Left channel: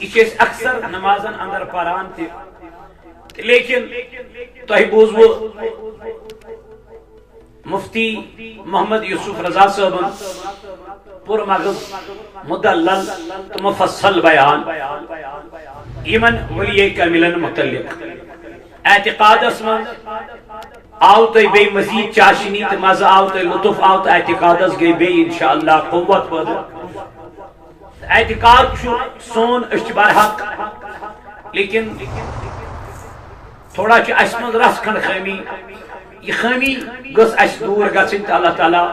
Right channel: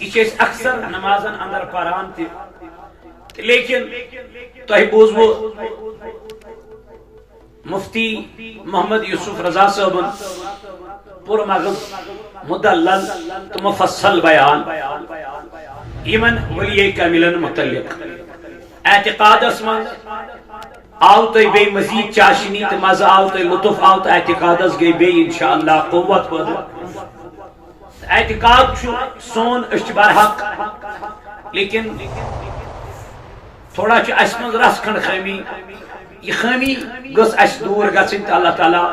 یہ اکثر نمازن اندر پران تھی لیکن تہ بوزو مفتی محمد یوسف رضا صاحبن پر مغز مدلل تو مفصل بیان یمن ولی کاملن متعلق اعتقاد اسمان آو تو بے مزید چاشنی تو مزہ آو تو لطف آو تو اعتقاد اس گئی بے انشاءاللہ قوت پد اعتقاد چھو سون اشتبار حق لیکن تھوڑا چھ اسمن رس کھنڈ خیمی یہ خیمی گس اس دور گسن تو اللہ تعالیٰ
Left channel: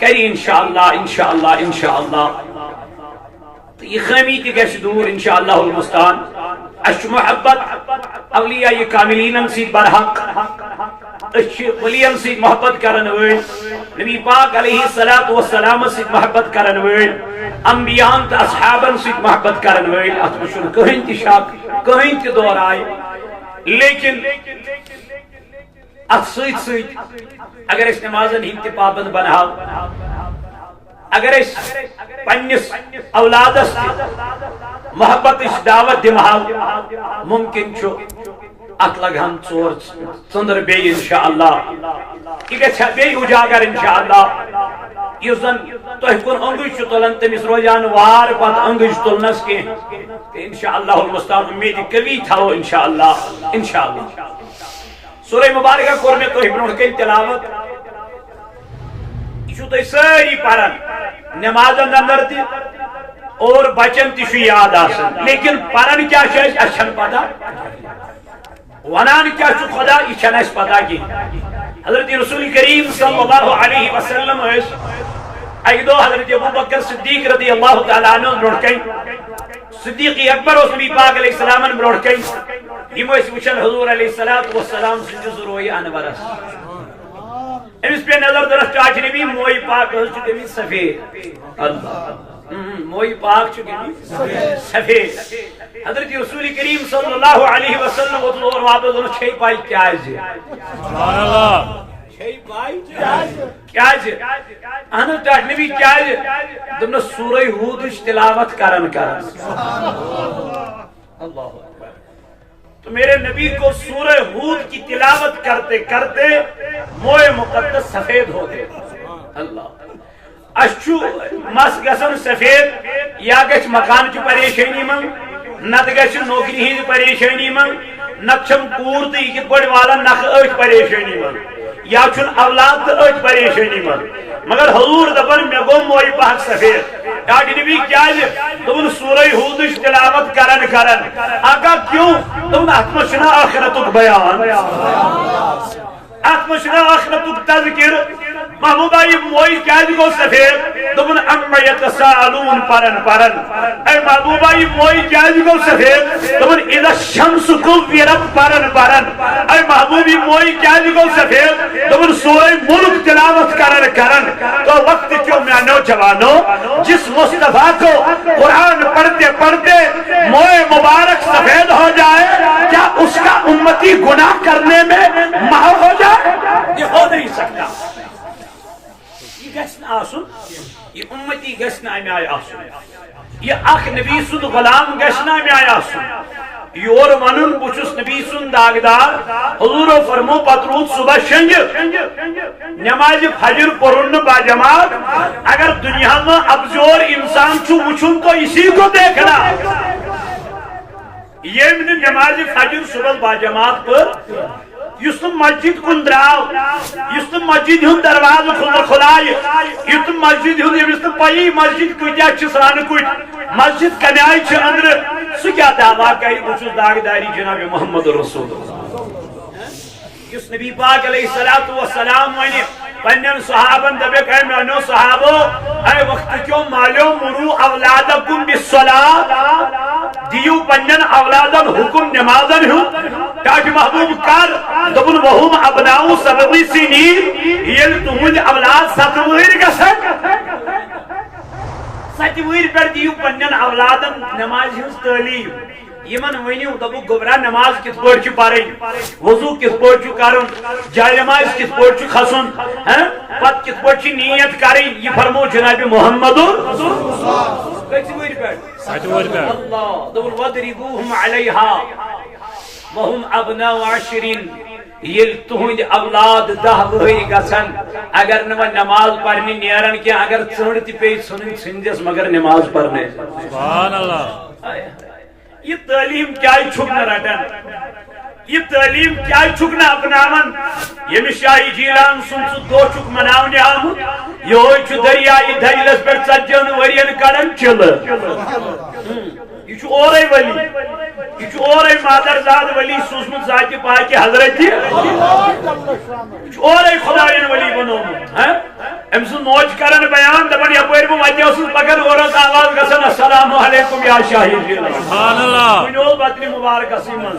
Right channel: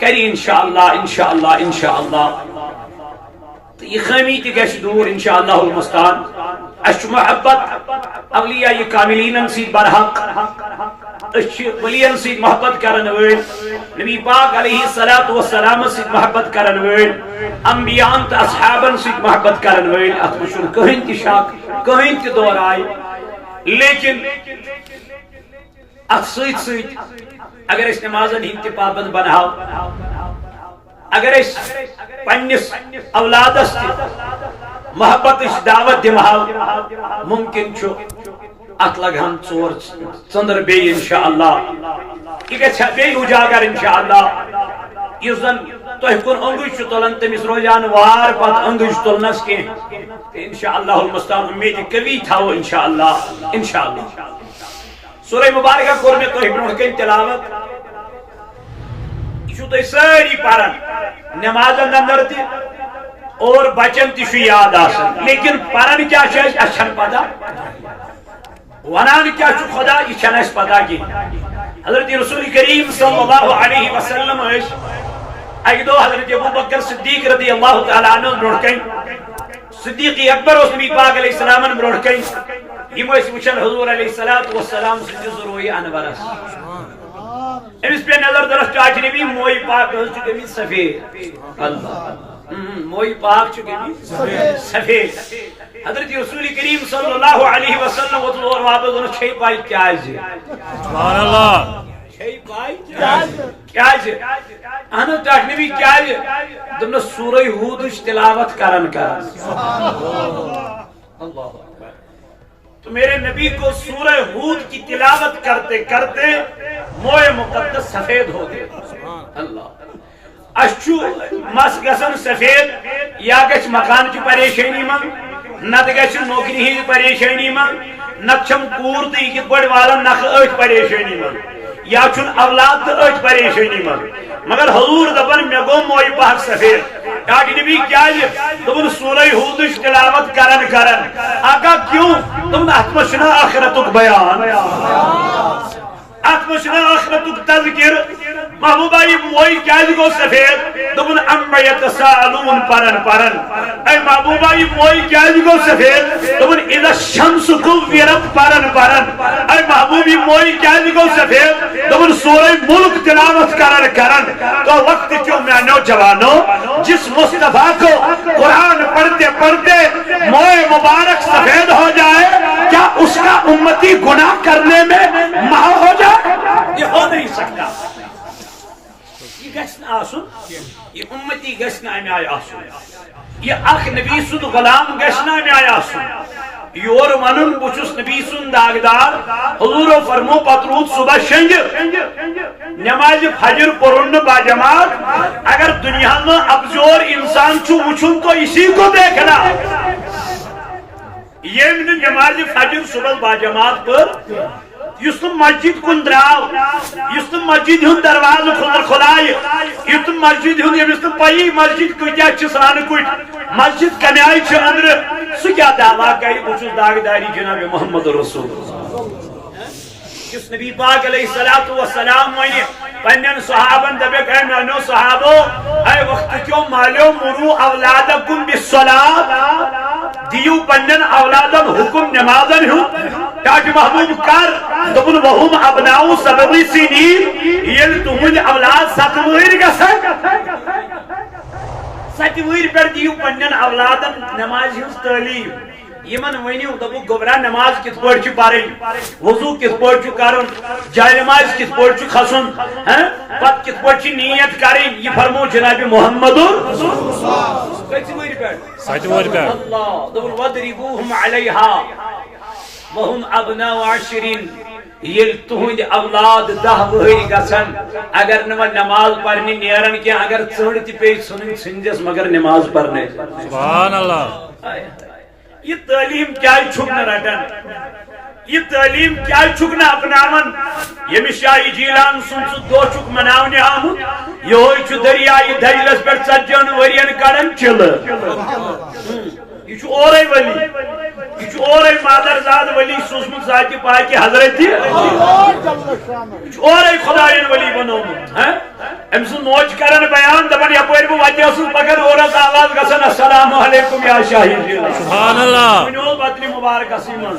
کری انشاءاللہ انشاءاللہ انشاءاللہ یہ خیمی تی گس دور انشاءاللہ المستان اس محبت اولیاء یہ کاملین سید برحق اس ولیان سید محبت کرن ویل نبی پاک علیہ السلام سید محبت کرن ویل انبیاء تا اصحابن سید محبت کرن ویل اتمشن کہیں تی شاک کہیں تی دور آئی لیکن ات سید سید اگر اس نمازن ہنتی پابند بناو اگر اس پنس اولادس محبت اس دعوت دماؤ ممکن چھو ات لگہن ژور ژندر بے انشاءاللہ یہ گژھِ بے اجاگر انشاءاللہ یُس زن تۄہہِ کُن انگُج چھُ تُلان تٔمِس روزان وار پتہٕ انگُج تُلنس کینٛہہ انشاءاللہ المستعان امید قوی تھاوو انشاءاللہ انشاءاللہ سورہ مبارکہ کوٚر مےٚ تۄہہِ برونٛٹھ کَنہِ تلاوت یہ چھُو تُہۍ سٲری پران نمازن اندر تہِ اور بچن تہِ چھُ یاد آسان لیکن پران کیٛاہ چھُ اَسہِ چھنہٕ پتہ ونان کیا چھُ خدا یہ چھنہ اس پتہ کی حضرت رسول کریم صلی اللہ علیہ وسلم اک دو حضرت ابوبکر صدیق رضی اللہ تعالی عنہ برونٛٹھ کن صدیق اکبر اس نبی پاک علیہ السلام برونٛٹھ کن یم ٲسۍ وٕچھان حضور علیہ السلام سٕنٛدِس روی انورس أمس پہ نظر درس چاچ نبی موئی پاک حض چھ گٔمٕتۍ سفید اللہ موئی پاک چھ گٔمٕتۍ سفید حضرت رسول کریم صلی اللہ علیہ وسلم وطن اور واپس انہوں چھئی پائی کیازِ سبحان اللہ چھئی پائی کیازِ اہنو چاچ نبی کیازِ دمنا سورہ ہودش تلاوت کرن اللہ اکبر تو میرے نبی کو سورہ ہود کی تلاوت کرتے کرتے موئے مقدس سفید ہو گئے اللہ اشچو مس گسن سفید یا گچ مکان کی پریشانی من نت گچ نوکری ہند پریشانی من نت چھم کور تو یہ بڑ والا نخ أتھ پریشانی من یا چھن اولاد تو أتھ پریشانی من مگر حضور دپن مے گو موئی پاک سفید ڈاڈی نبی کیا دپن سورہ ہودش تلاوت کرن آقا کیوں دپن اتھ منٛز چھُنہ آخرتُک بیان اتھ منٛز چھُنہ آخرتُک تذکر محبوبہ یہ موئی کیازِ گو سفید دپن اما یتساءلون پرن اے محبوبہ یہ موئی کیازِ گو سفید دپن اذا الشمس كورت پرن اے محبوب یہ موئی کیازِ گو سفید دپن سورہ ملک تلاوت کرن تو وقت کیوں میانو جوانو جس مصطفیٰ کو قرآن پڑھتے پڑھتے موئے مبارک سفید ہو جائے کیا اس کا امتی گناہ کرنے میں محو ہو جائے یہ ہو نہیں سکتا یہ گھن آسن یہ امتی گھن امہ آئی آسن یہ اخ نبی سند غلام گھن امہ آئی آسن یور ونن بچس نبی سند داغدار حضور فرمو پترود صبح شنج نماز فجر پرن با جماعت اگر دنیا میں ابزور انسان چھو وچھن تو اسی کو دیکھنا یہ نماز فجر صبح با جماعت پر یس مسجد کن دراو یس مسجد ہند دروازہ کھلائے یس مسجد ہند یمس پی مسجد کتیا سران کٹ مسجد کمہ آئی اندر سہ کیا دعویٰ کر بہت داغداری جناب محمد رسول یس نبی پاک علیہ السلام ون پنن صحابن دپک اے میانو صحابو اے وقت کیوں مالیو مرو اولادکم بالصلاۃ دیو پنن اولادن حکم نمازن ہو تاکہ محبوب کر دبن وہم ابناؤ سبوی سنین یل تہند اولاد ستویر گسن ستویر پر دیو پنن اولادن نماز ہنز تعلیم یمن ونیو دبو گوبرا نماز کت پٲٹھۍ چھِ پرٕنۍ وضو کت پٲٹھۍ چھُ کرُن جاے نماز کت پٲٹھۍ چھُ کھسُن پتہٕ کت پٲٹھۍ چھِ نیت کرٕنۍ یہ فرمو جناب محمد اللہ دبن وَضْرِبُوهُمْ عَلَيْهَا وَهُمْ أَبْنَاءُ عَشْرٍ یل تہند اولاد 10 وہری گژھن اگر نہ نماز پڑھنی نیرن کی اگر ژڑ تہ پی ژھنن ژھنجس مگر نماز پڑھنے سبحان اللہ یہ تعلیم کیا چھک نہ رٹن یہ تعلیم کیا چھک نہ اپناون یم شاہی جیلان سن دو چھک مناونے آمت یہ دریائے دجلس پہ 40 ورین کڑن چل یہ اور ولی یہ اور مادرزاد ولی سوزمت ذات پاک حضرت اور خدائن ولی بنومت ام سن موج کرن بیان دپن یپر بہ وتہ اوسس پکن اورس آواز گژھن السلام علیکم یا شاہی جیلان سبحان اللہ ونول بطن مبارک اسیمن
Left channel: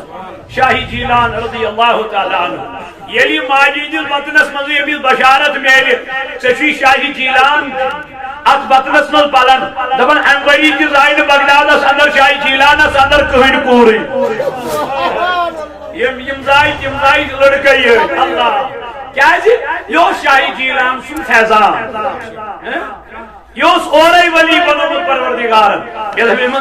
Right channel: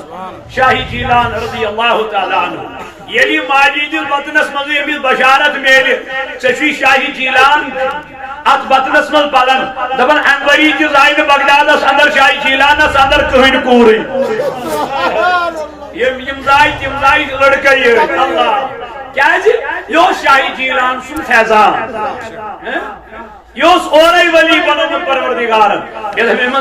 شاہی جیلان رضی اللہ تعالی عنہ یلی ماجد البطنس مز یمس بشارت میل ژی شاہی جیلان ات بطنس مز پلن دپن امبری تہ زائن بغدادس اندر شاہی جیلانس اندر کہن کوری یم زائ تم زائ لڑکے اللہ کیا یہ شاہی جیلان سن فیضان یہ اور ولی بنومت پروردگارن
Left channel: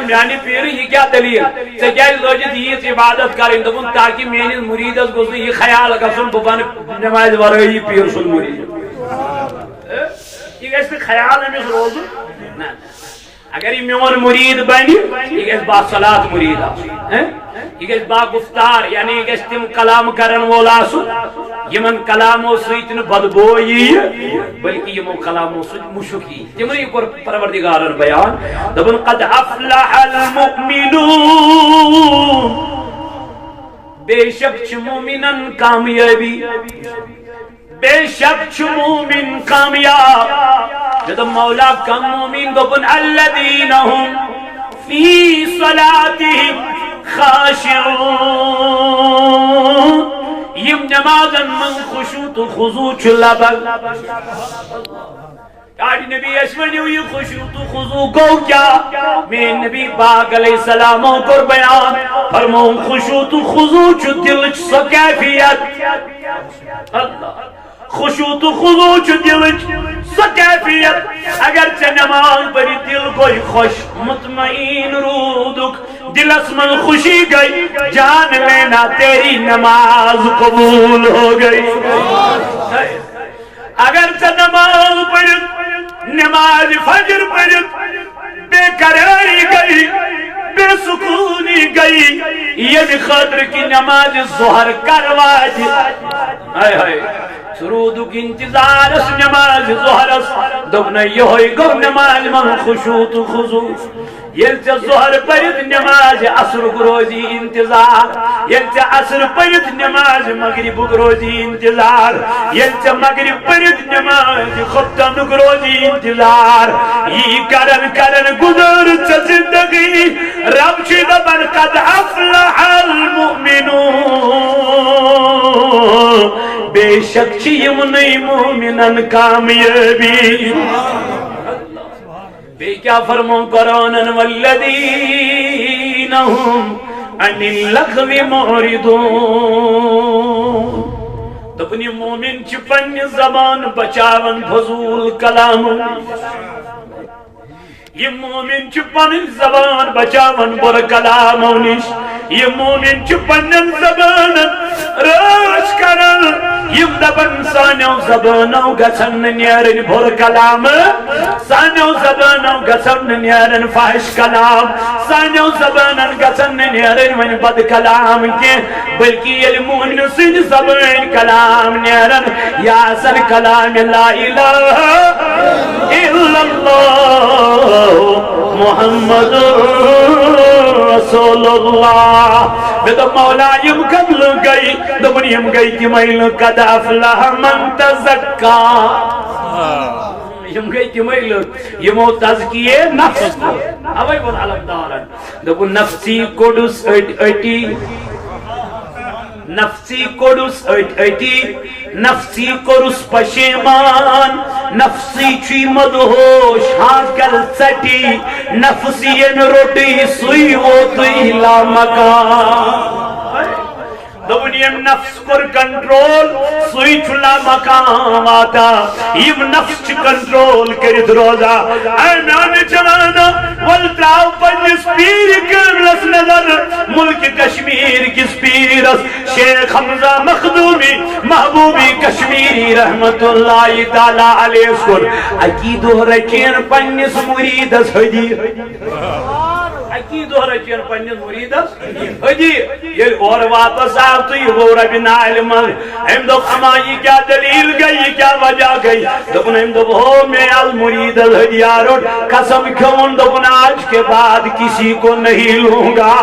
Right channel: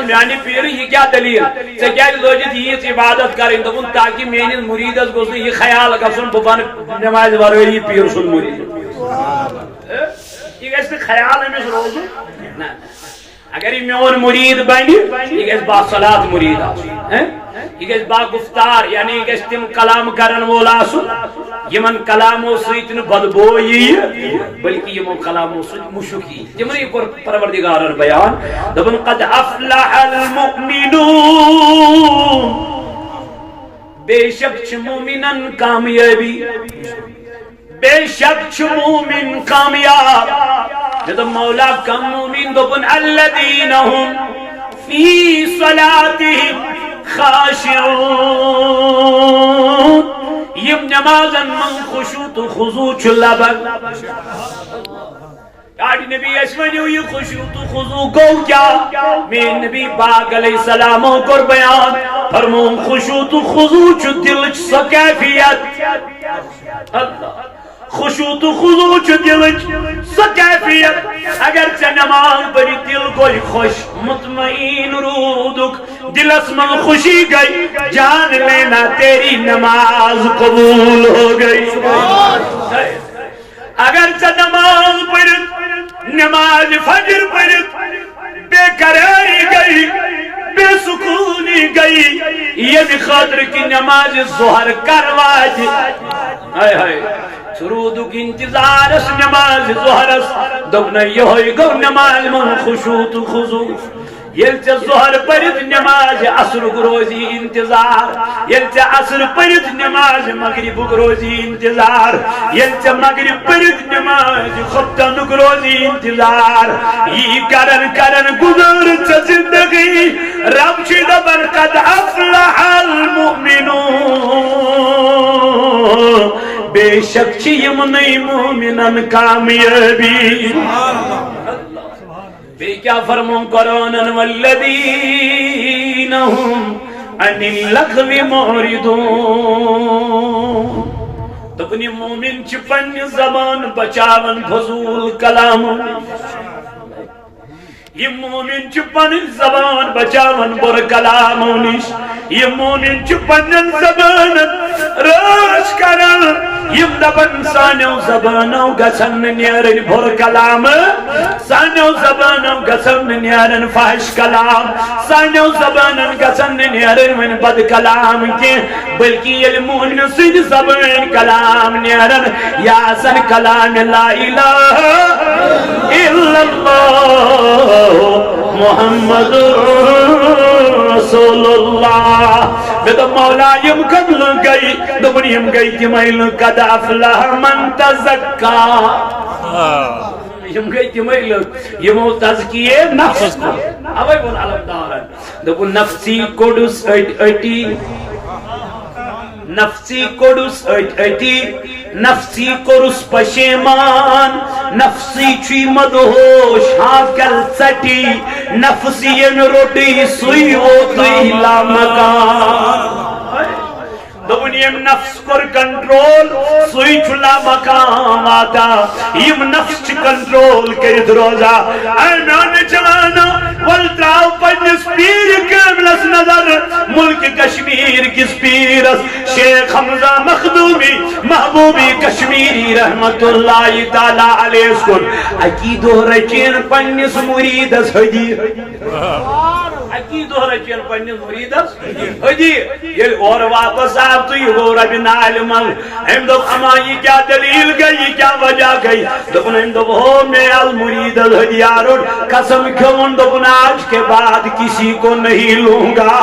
میانی پیر یہ کیا دلیل ژے کیا لوجت یہ عبادت کریں دپن تاکہ میانس مریدس گوس یہ خیال گھن بہ بن نماز ورٲیی پیر سن مرید یہ گھس خیال امس روز اگر یہ میون مرید بن یہ گھس باصلاۃ مرید یہ گھس با گفتار یعنی یہ گھس تم کلام کرن وول آسن یمن کلامو سۭتۍ نہٕ بدبو یی بلکہ یمو کلامو سۭتۍ مشک یی تمن یہ کور پروردگارن بیان دپن قد افلح المؤمنون بے شک چھ مومنن کامیابی بے شک چھ مومن کامیاب جب مولا کم مومن دپن الذین هم فی صلاتهم خاشعون یم نمازن من خشوع تو خضوع چھ لبن یعنی نبی اسمنیو یہ خشوع تو خضوع کو کیا میں نبی پاک علیہ السلام کو بیان فرمون خشوع تو خضوع چھ دل چھ کیفیت اللہ خشوع تو خضوع چھ دل چھ کیفیت اگر چھ نماز پڑھی دل کوئی خوش مطمئن رودک دلس من خوشی گئی جان لینا تیری نماز قبول ہو گئی اگر چھ نماز پڑھی نماز فجر پڑھی بے قراری گئی بے سکونی گئی یہ خاطر کی نماز ظہر کرواج ہائے ہائے سرودک انتظارس نماز ظہرس دبن یہ ہوئی گو نماز من خشوع تو خضوع یلچہ ظہر پڑھت نماز عصر روزی انتظار یلچہ عصر پڑھت نماز مغرب روزی انتظار یلچہ مغرب پڑھت نماز خطن روزی انتظار یہ کرن کرن گزر چھ زندگی رب چھ دبن قد افلح المؤمنون بے شک چھ یمنی مومنن کامیابی بے کیا فرمون قرآن والذین هم عن اللغو معرضون دپنی مومن چھ پنی زبان بچاون فضول کلام یہ مومن چھ پنی زبان بچاون بر کلام یہ مومن چھ پنی زبان راش کرن یم دپن سانو زبانو گسن نیرن بھر کلام سانو زبانو گسن نیرن فحش کلام سانو زبانن گسن نیرن من بد کلام کی بلکہ یہ مومن سن زبان کلام نیرن یا سن کلام لا الہ الا اللہ محمد رسول اللہ بدو مولا یم قبل گئی دبن یم گئی تیمیل قد افلح من تزکا یم گئی تیمیل یمو تزکیے نفس کو اوے بول علم دارن دبن نفسی کوڈس اٹی نفسی کوڈس اٹی نفسی کورس پشیمان نفسی چی مدہوش ہاکل سٹی نفسی یم روٹی سوئی وہ توی لا مکان دبن یم نفس کر کنٹرول سوئی چھلا مقام آتا یم نفس چھ کنٹرول کرد روزا اے میان چلانا والتراو پنس پیر کاملس نظر ملک کشمیر کس پیرس شیخ حمزہ مخدومی محبوبی کشمیری رحمت اللہ تعالی علیہ سکن عقیدو رچین پنس مریدس حدی عقیدو رچین پنس مریدس حدی یہ اور واپس آب تو یہ گو رب نعلمان ہم دو اما یہ کیا دلیل گئی یہ کیا وجہ گئی دکن ہم دو ہو میں المرید الحدی آروٹ قسم کیون دکن آج کے بعد کسی کو نہیں لوں گا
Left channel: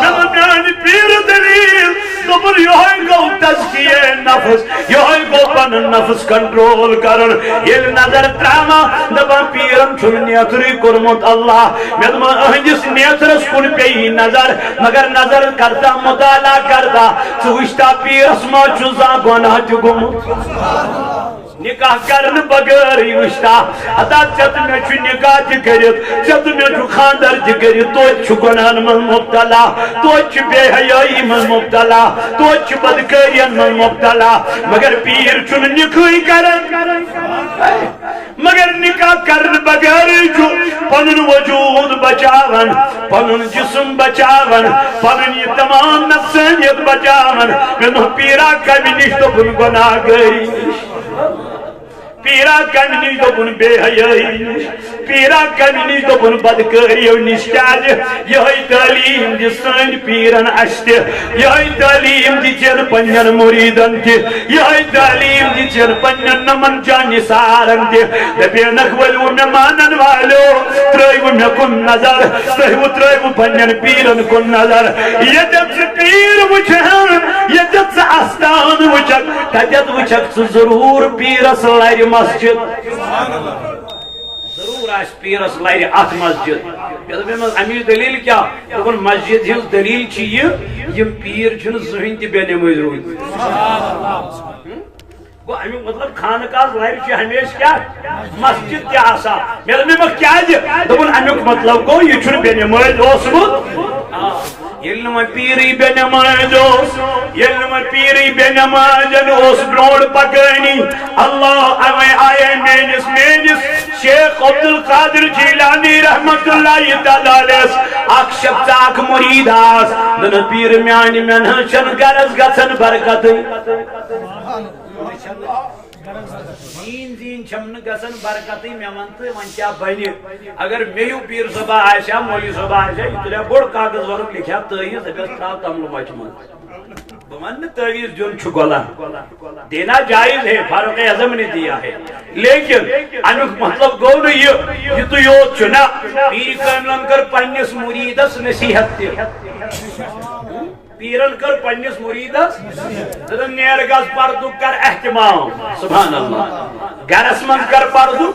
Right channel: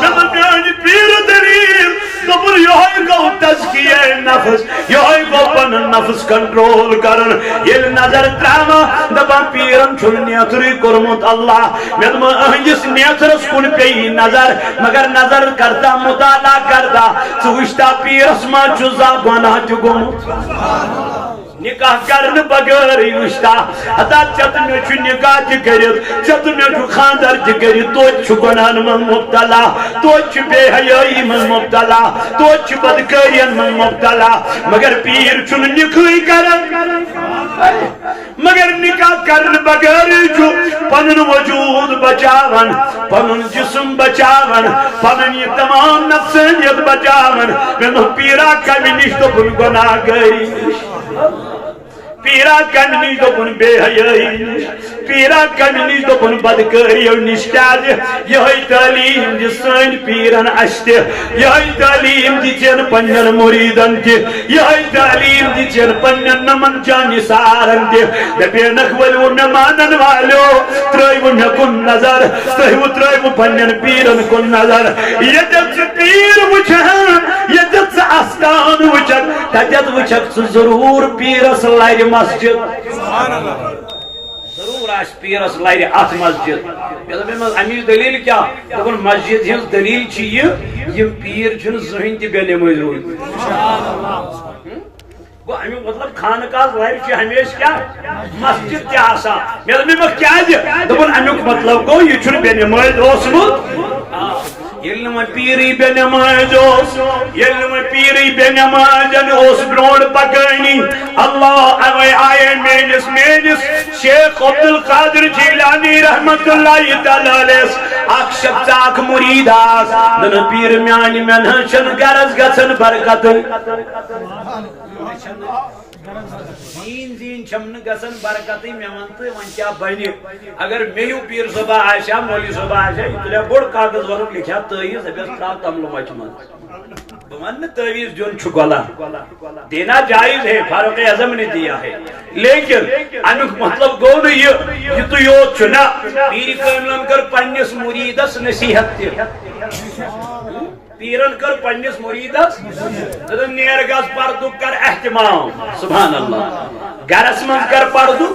نمانی پیر دلیل دبر یہاں کو تزکیہ نفس یہاں کو پن نفس کنٹرول کرن یہ نظر تراما دبا پیرن چھل نیتری کرمت اللہ میں دم اہنجس نیترس کن پی نظر مگر نظر کرتا مطالعہ کرتا سوشتا پیرس ما چوزا گناہ چگمت نکاح کرن بغیر وشتا حتا چت میں چھ نکاح کرت چت میں چھ خاندر کرت تو چھ گناہن من مبتلا تو چھ بے حیائی من مبتلا تو چھ بدکارین من مبتلا مگر پیر چھ نکاح کرن مگر نکاح کرن بغیر چھ پنن وجود بچاون پنن جسم بچاون پنن یہ تمام نفسانیت بچاون میں پیرا کمی نش تو پن گناہ گری پیرا کمی نش تو پن بے حیائی نش پیرا کمی نش تو پن بدکاری نش کیاز یہ تعلیم دی سن پیرن اشت یہ تعلیم دی چن پنن مریدن تہ یہ تعلیم دی چن پنن نمن جان سارن تہ دبی نخول و مانن والو ترایو مے کن نظر تہو ترایو پنن پیرن کن نظر یہ جت پیر وچھن یہ جت آستان وچھک تجت وچھک ضرور پیرس لائر مسجد ضرور آس پیرس لائر ات مسجد امی دلیل کیا دپن مسجد ہز دلیل چھ یہ پیر چھن زہن تہ بے نماز روزمت گو امی مطلب خانقاہ لائر چھ ہمیشہ کیا مسجد تہ آسا مے دپن کیا دپن امیک مطلب گو یہ چھن بے نماز اوسمت یلم پیری بے نماز یلم پیری بے نماز اس برونڈ پکانی اللہ آئے مینس شیخ عبدالقادر جیلانی رحمت اللہ تعالی علیہ اک شخص اک مرید آس دن پیر میانی من چن گرز گسن برکت زین چھمن گسن برکتی میں ونتے ون کیا بنی اگر میو پیر صبح آشا مولی صبح آشا یہ تلیا بڑ کاغذ ورم لکھا تیز ابیس تراو تملو مچمن بمن تیز جن چھگولا دینا جائز ہے فاروق اعظم نے دیا ہے لیکن انک مطلب گو نہیں یہ تو یوت چنا پیر کاملان کر پنیس مریدس نصیحت تی پیرن کر پنیس مریدس دن نیر گز پردو کر احتمام سبحان اللہ گرس من کر پردو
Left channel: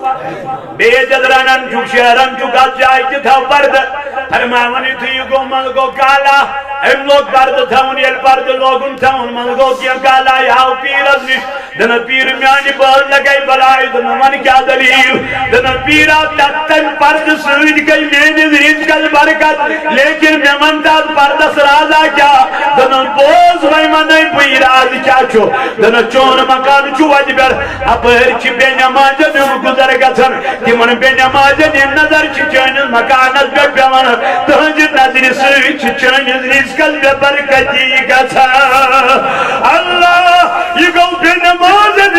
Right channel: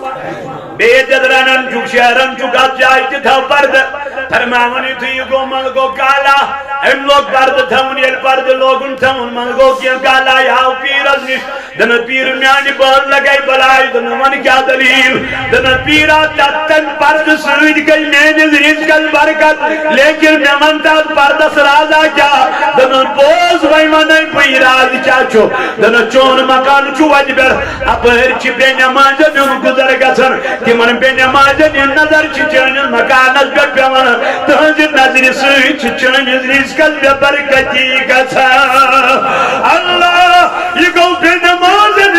بے جدرانن چک شہرن چکا جائے تھا پرد فرماونی تھی گو من گو کالا ام لوگ پرد تھون یل پرد لوگن تھون من گو کیا کالا یاو پیرز نش دن پیر میانی بول لگئی بلائی دن من کیا دلیل دن پیرا تتن پرد سوید گئی مینز رزقل برکت لیکن من تاد پرد سرازا کیا دن بوز وی منائی پیراز چاچو دن چون مکان چو وجبر اپر چی بے نمازن ام گزر گسن کہ من بے نمازن نظر چی چانل مکانت بے پیون تہنج نظر سوی چی چانل رزقل بے برکتی گسن اللہ یہ گو بے نمازن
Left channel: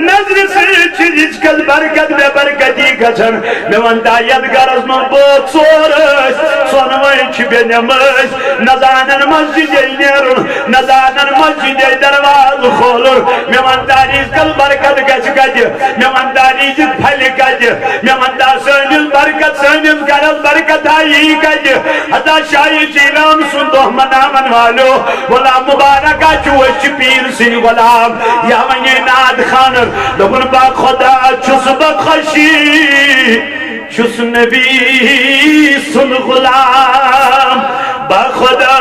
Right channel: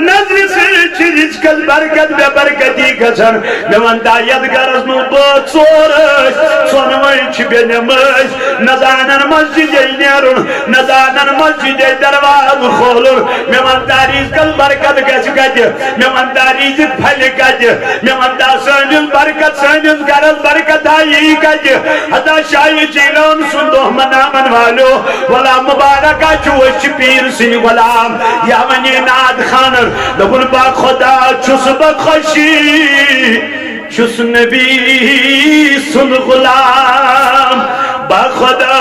نظر سوی چی رزقل برکت بے برکتی گسن میں من دایت گرز من بوت سورش سونوئی چی بے نماز نزانن مسجد نیرون نزانن مسجد درواز خولر میں من داریز کل برکت گس گج میں من داریز پھل گج میں من دا سنل برکت سنل گرز برکت آئی گج حدا شاہی جیلان سندو منامن والو ولا مبارکہ چوش پیر سن غلام یا منی ناد خانر دبن با خدا چس بخشی چس نبی سن غلام با خدا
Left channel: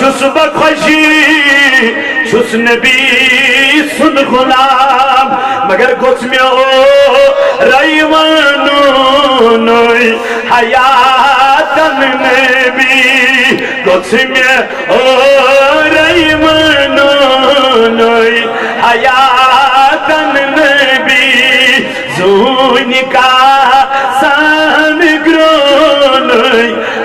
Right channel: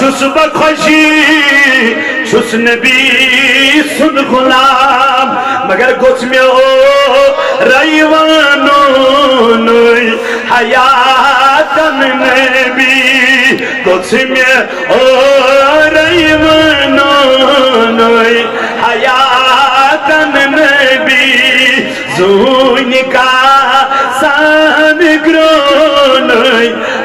چس بخشی چس نبی سن غلام مگر گوچ میں او ریوانو نوی حیاتن نبی گوچ میں او ریوانو نوی حیاتن نبی زونی کا سانگ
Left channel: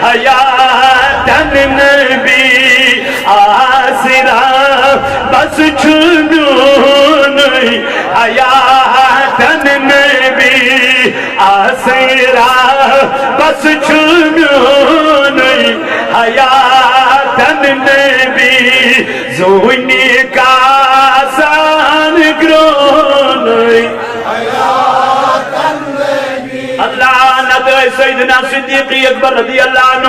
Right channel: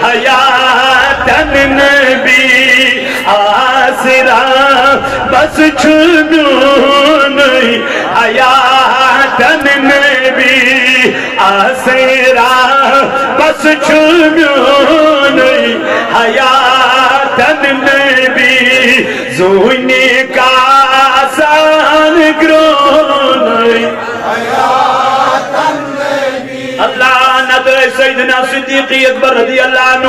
حیاتن نبی آسرا بس چھمیون حیاتن نبی آسرا بس چھمیون حیاتن نبی زونی کاسان گرون اللہ ندر سیدنا صدیقی اکبر رضی اللہ عنہ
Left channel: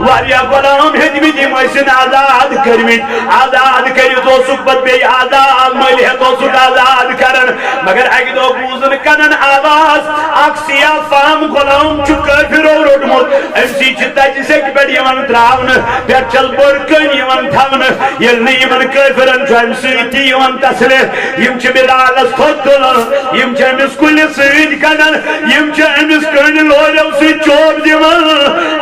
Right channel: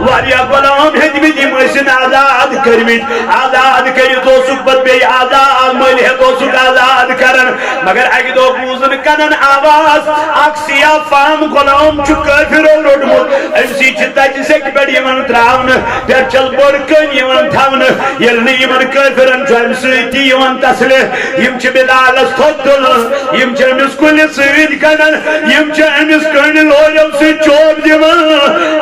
واریا غلام ہدمی محسن آزاد کرمید آزاد کری تو سکبت بے آزاد مل ہے تو سک آزاد کرن مگر اگی دو بوزن کنن آواز اکسیا فام غلام چکر پھرو روڈمت امسی چتا جسے کی بیڑ یمن تراؤن پھر چل بڑکن یمن تھاون یلنی یمن کفرن جو امسی تی یمن تسلے یم چھ بلال استھوت دلن یم چھ امس کل سید کنن یم چھ امس کنن لوجو سی چوب دیون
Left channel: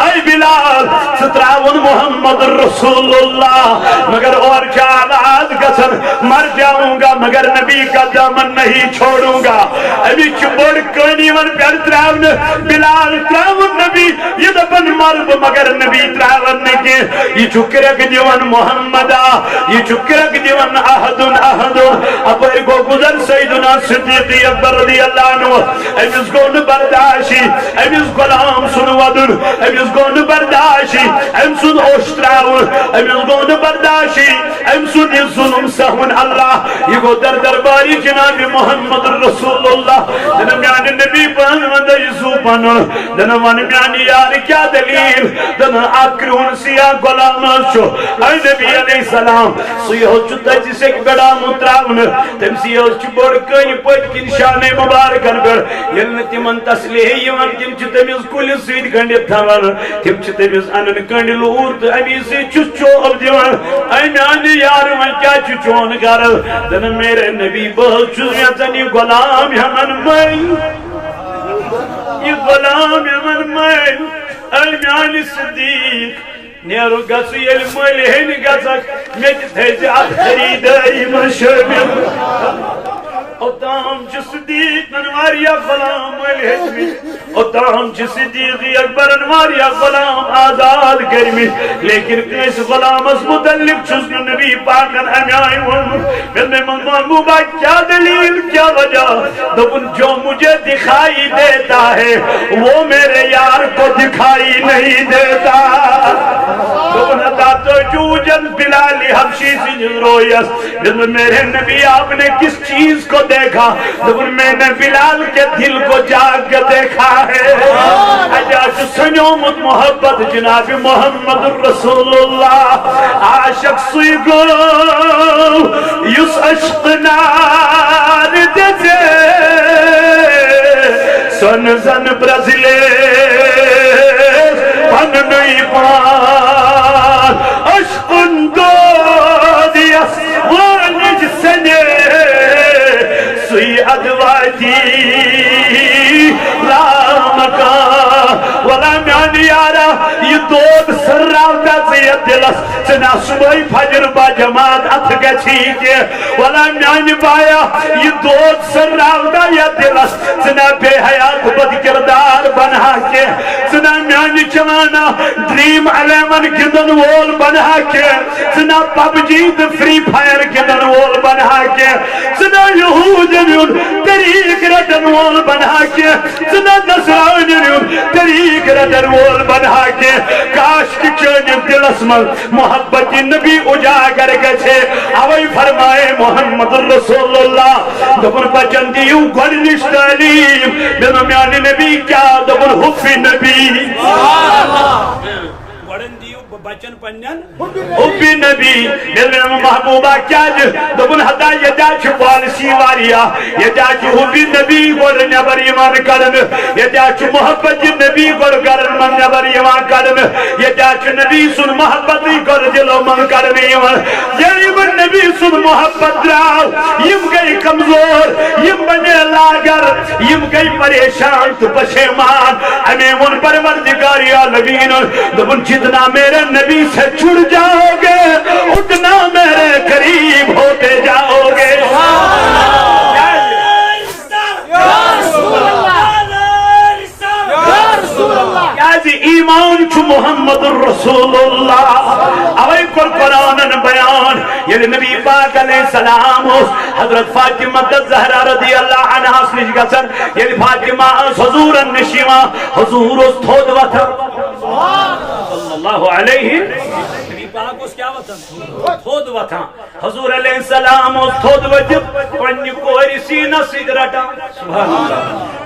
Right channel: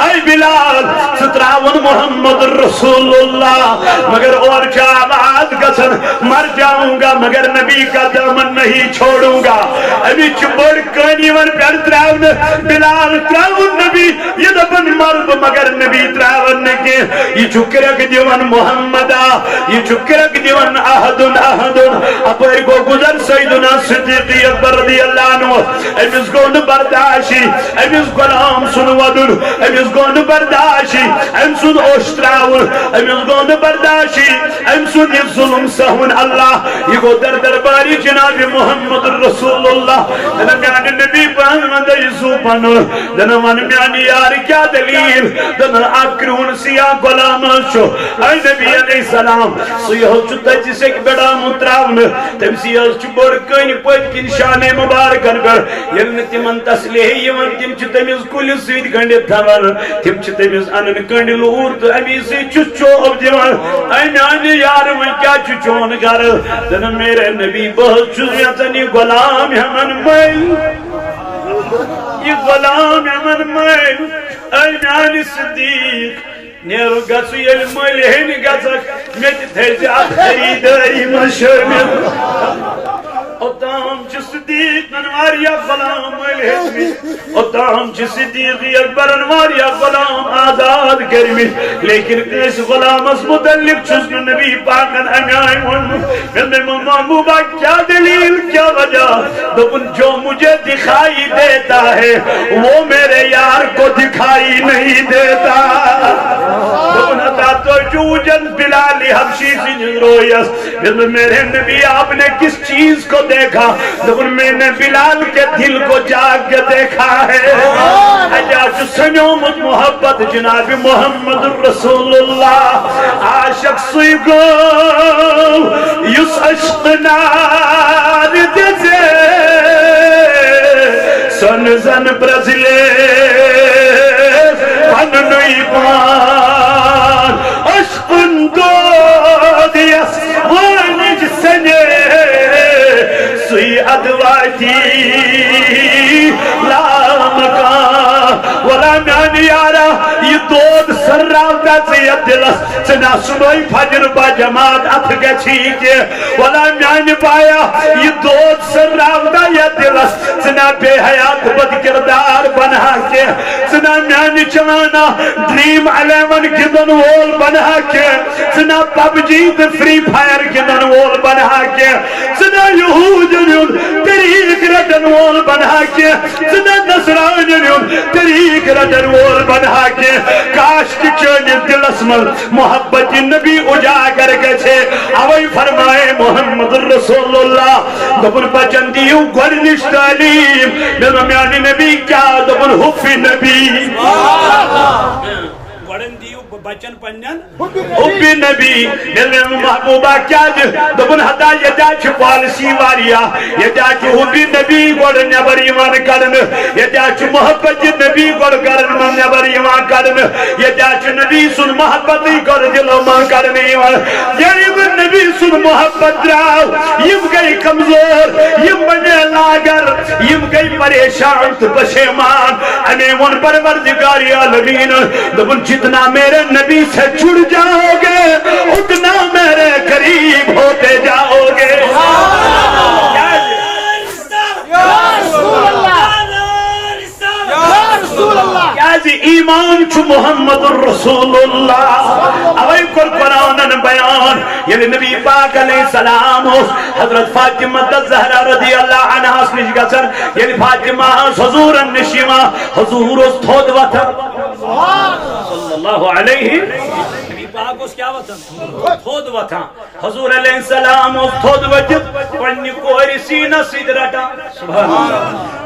اے بلال ستراون محمد رسول اللہ مگر اور کیا آواز گسن مر جاؤں گا مگر نبی کا دامن نہیں چھوڑوں گا ابھی چبڑ کنی ون پیڑ تراؤن بلال تراؤن نبی یہ دبن مرب مگر نبی تراؤن نکی یہ چکرک دیون محمدہ یہ چکرک دیون احدن احدن اپر کو گزر سیدنا صدیقی اکبر رضی اللہ عنہ امس گون برداشی امس غلام سن ودن امس گون برداشی امس سن اوشتراون امس گون برداشی امس سن یہ ظلم سہون اللہ یہ گو در درباری جناب محمد رسول اللہ دنم یعنی نبی محمد یسو پانو دنم یعنی یار کیا دلیل دنم اکرون سیا غلام شو اے نبی علیہ السلام سیہو چتا جسے بڑا متراون تم سیہو چبڑ کنی پت کن شان مبارکن پر یلنتی من تسلیح یون تم چتمیز کل سید گنڈی تھاور تم چتمیز انن گنڈی لور تو امی سے چچو اب دیوان اے میانی یار وان کیا چچون گر دن میرے نبی بہت چوزیتنی غلام یمن میں یہ غلام یمن میں اے میانی صدیق نیرو گسو یل ملہن گسک میت تھیزیاد خریدائی من شامل اتام چھ صدیق ننواریا غلام ملہدمی اتام چھ صدیق اکبر انواریا غلام آزاد کرمی لیکن اس غلام اس متعلق چھس نبی پاکن امیائی میں محبوبہ کیا دلیل کیا وجہ دبن جو مجھے دکھائی دیتا ہے وہ میرے یار کو دکھائی نہیں دیتا دبن اتا تو جوجن بلالی حبشی سی رویس میرے نبی آپ نے کس چیز کو دیکھا دبن میں نے بلال کے دل کو جاگ کے دیکھا ہے اجاج سنیومت محبت جناب محمد رسول اللہ عاشق سیگو یس عشق نار دیزے سن زن برزلے پن نئی پان عشق دو دیس وانج سنے سوی ادواتی لام کا ولا میانی یارا یہ دود سر راوتا زید دلس سنا صبح فجر با جماعت ات گچھی کے ولا میانی بایا یہ دود سر راوتا یا دلس سنا بے حیات بد کردار بنا کے سنا میانی چوانا ڈریم الیمن گندن وول بنا کے سنا پب جیت فری فائر گندن وول بنا کے سنا یہود طریق رٹن وول بنا کے سنا نصران طریق رٹن وول بنا کے کاش کی چون دلس من محبت نبی اجاگر گچھے اوئی فرمائے محمد رسول اللہ دبن بچن دیو گھرنش تعلیم میانی نبی کیا دبن حب نبی گھرن دیو بچن پنن حب نبی میرے محبوبہ کیا دبن حدا یہ جاچ پالسی واریا یہ جاچ حب نبی گوڑ نبر ایمان کرن یہ جاچ محبت نبی گوڑ کرن من نبر ایمان کرن یہ جاچ نبی سن محبتی گوڑ دلو من کرن ایمان یعنی من نبی سن محبت راو یم گئی کمزور یم بنے لاگر یم گئی پریشان تو پشیمان ہمیں من پروردگاری عالمین دبن جتنا میرے نبی سے چھڑ جاؤ گے اتنا میرے قریب ہوتے جاؤ گے کیا زِ ایمان چھُ محمد رسول اللہ اوے کور قرآنن بیان ییٚلہِ نبی پاک علیہ السلام اوس حضرت فاطمہ الزہرا رضی اللہ عنہا نش گژھان ییٚلہِ فاطمہ ٲس حضوٗرن نِش یِوان حضوٗر اوس تھوٚد وۄتھان صلی اللہ علیہ پاک اس کیا وطن تھود وطن حضور علیہ السلام اس تھود وطن پنی کوری سینہ سید رٹا سبحان اللہ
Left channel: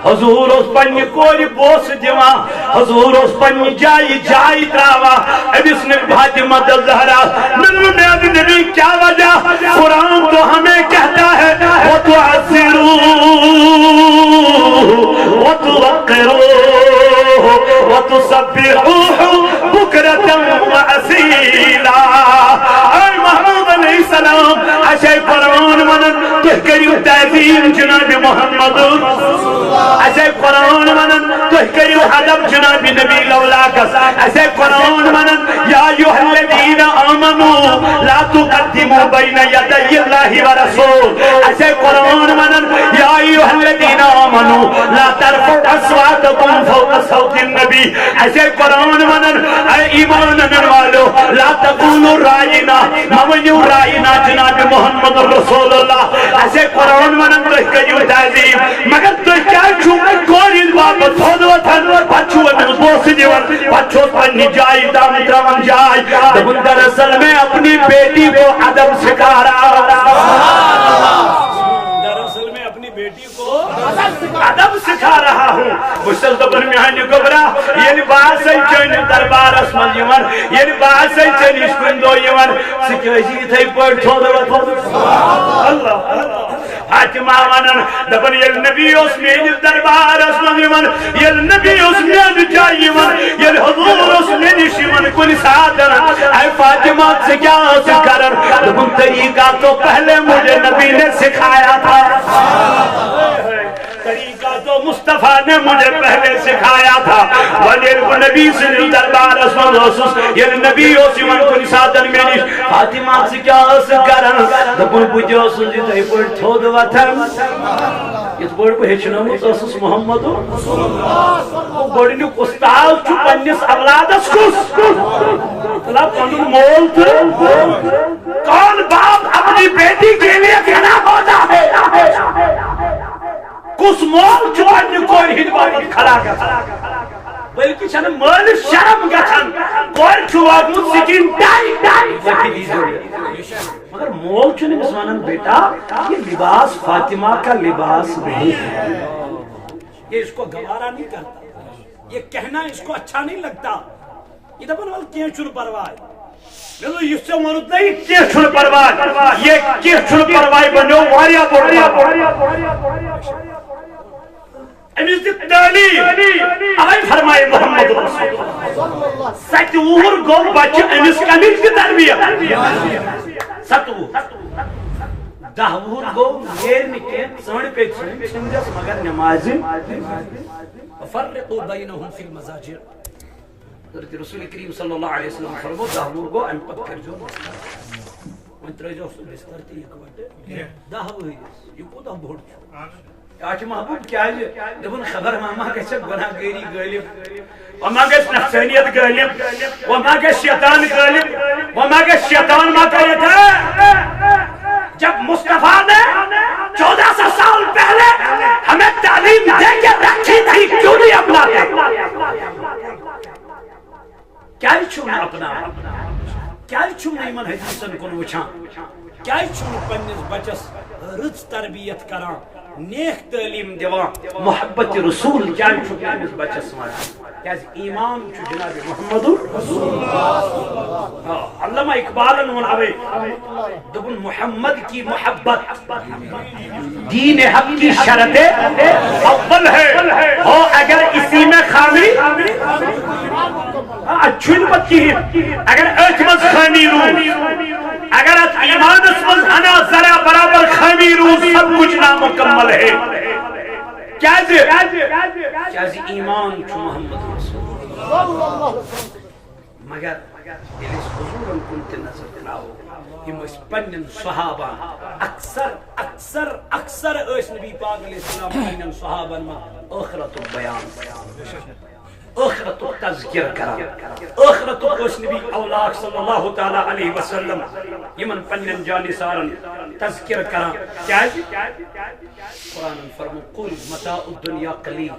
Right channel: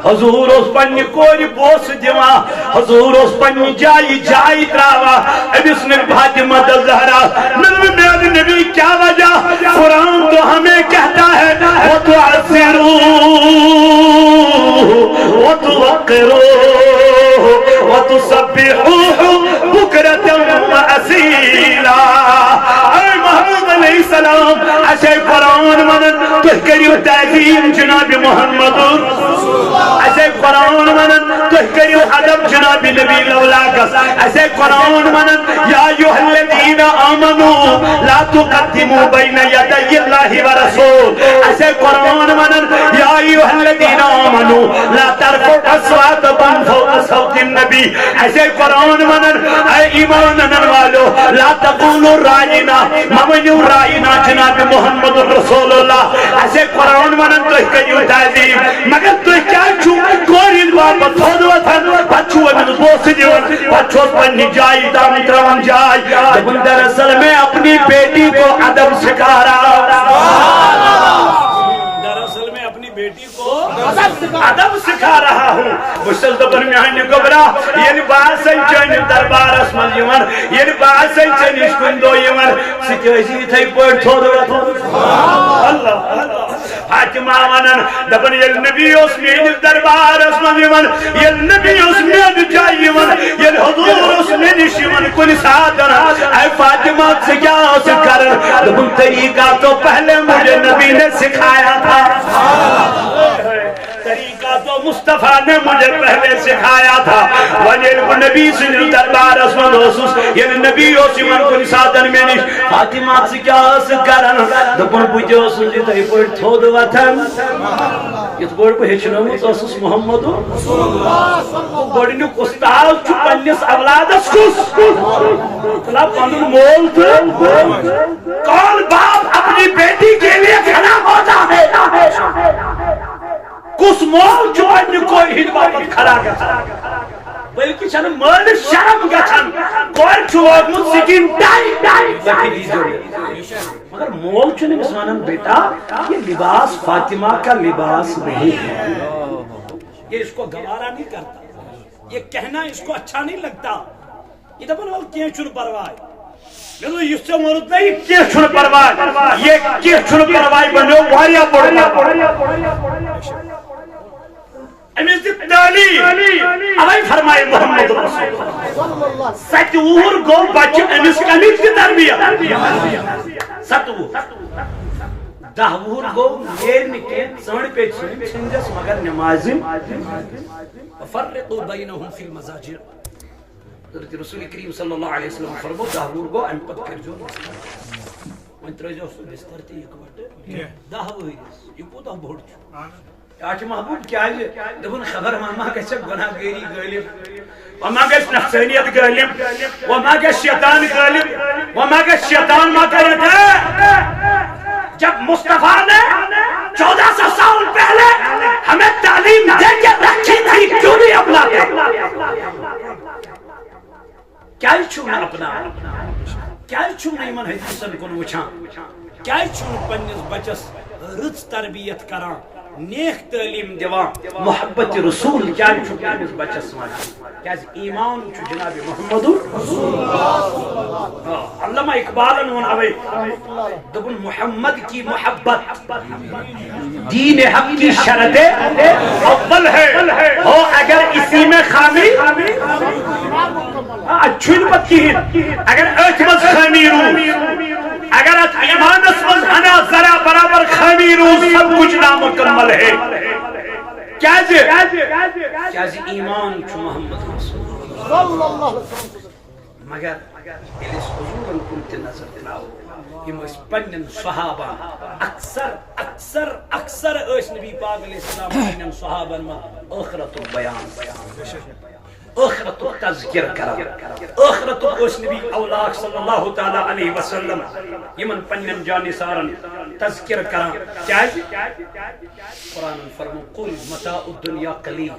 حضور اس پنی کوری بوس دیوان حضور اس پنی جائی تراوا ابس نبی فاطمہ الزہرا نبی کیا وجہ قرآن تو ہمیں کہتا ہے وَتُعَذِّرُوا وَتُوَقِّرُوا وَتُسَبِّحُوا بُكْرَةً وَأَصِيلًا اے محمد علیہ السلام اسے قرآن منن تو کریو تعظیم جناب محمد اسے قرآن منن تو کریو ادب جناب نبی لولاکس اسے قرآن منن یا ایھا الذین آمنوا لا تقدموا بین یدی اللہ ورسول اسے قرآن منن یا ایھا الذین آمنوا لا ترفعوا اصواتکم فوق صوت النبی اسے قرآن منن اے ایمان انن والو لا تقولوا رائنا ممنو رائنا جناب محمد رسول اللہ اسے قرآن منن تو کریو تعظیم مگر تو کیا چھو کورین واپس تھود وطن پچھو امن بوس دیون پچھو پنی جائی دام ترون جائی دبن دراصل میں اپنی بیٹی کو ادب سکھا رہا دراصل میں اپنی بیٹی کو ادب سکھا رہا ہوں بشتل دبن میانی گبرا یعنی باسن چن دربار اسمن یمن یعنی باسن چن اشکن دو یمن سکیوزی تھئی پڑھ تھود وطن اللہ فاطمہ ونن دبن یل نبی اس میں دربار اسمن یمن یل نبی اس میں جائی یمن یل حضور اس میں نشمن کن ساتن اے فاطمہ سے کیا سکرن دبن طریقہ تو پہلے مجھے نبی نے سکھایا تھا طریقہ تو مصطفیٰ نے مجھے پہلے سکھایا تھا وجل کو نبی سے دربار اسمن حسوس یہ نبی اس من کو نسادن میں نش فاطمہ سے کیا سکرن دبن بجو سنجی تہی پڑ تھود وطن یہ بڑ کو ہچنومت اسس محمد وہ گڈنیک استاد چھو پنس اولادس کس طلع پنن مول تھا کون باپ اپنی بیٹی کے لیے کھڑا ہوتا ہے کس مول چھو پنن کوئی ہد باپت کھڑا کر بلکہ چھن مال شرم گچھن کوئی چھو وگمت سکین ڈائی لکھی دیجئے مگر مول چھو نہیں بسوانن بیٹا یہ لباس فاطمہ کا لباس نہیں ہے یہ اس کو گوارا نہیں کرتا یہ کہنا اس کو اچھا نہیں لگتا یہ دبن وال کیا چھن پروائی میں یہ سے مرد نہیں کیا چھن پروائی یہ کیا چھن پروائی بنو واریا امیز دی تعلیم اوے فرمائے محمد رسول اللہ ستور گو بچ امیز کمیز کی تربیت ستور دہور گو یہ نکے سنڈ پہ چھنجس مگر نمازی فرقوا بینہم فی المزاجر حضرت رسول کریم صلی اللہ علیہ وسلم فرمو دہور گو ام پک کر جو من ترجو بستر تی اکوٹے دہور یہ پودا بھوڑ چھو آج محبوب کیا ہے دبن خبر وما گژھِ گناہ گٲری غٲلب وما گژھِ نفسانیت غٲلب وما گژھِ شیطان غٲلب وما گژھِ شیطان ما کریت ہے جب مصطفیٰ نے 1400 سال پہلے ہمیں تعلیم دے کے رکھی تھی کیوں نہیں اپناتے کیا چھونا اپنا کیا چھونا ایمان حدیثن کن وچھان کیا چھونا پنیس بچس رچ تربیت کران نیک تعلیم دیوان محبت رسول کیا چھونا پنیس بچس مانا کیا ایمان چھو جناب محمد علامہ اقبالن ون اوے دبن محمد کی محبت دین حق کی شرط اول ہے ہو اگر اسی میں خامی اچھن پت کی اگر اعتماد خامی رو اگر ایمان اسمز ہنا ذرا برابر خامی رو سب کچھ نامکمل ہے کیا ایمان چھو محمد رسول اللہ مگر الیس حضورن کنت نظر دلاؤ ہم اس پنن صحابہ اکثر اس نبی پاک علیہ السلام پنن صحابہ میں آخرت البیان آخرت تذکر کران آخرت اس نبی اولاق صلی اللہ تعالی علیہ وسلم یمن پنن جانثارن تذکر کران کیاز قرآن فرمو قل متاع الدنیا قلیل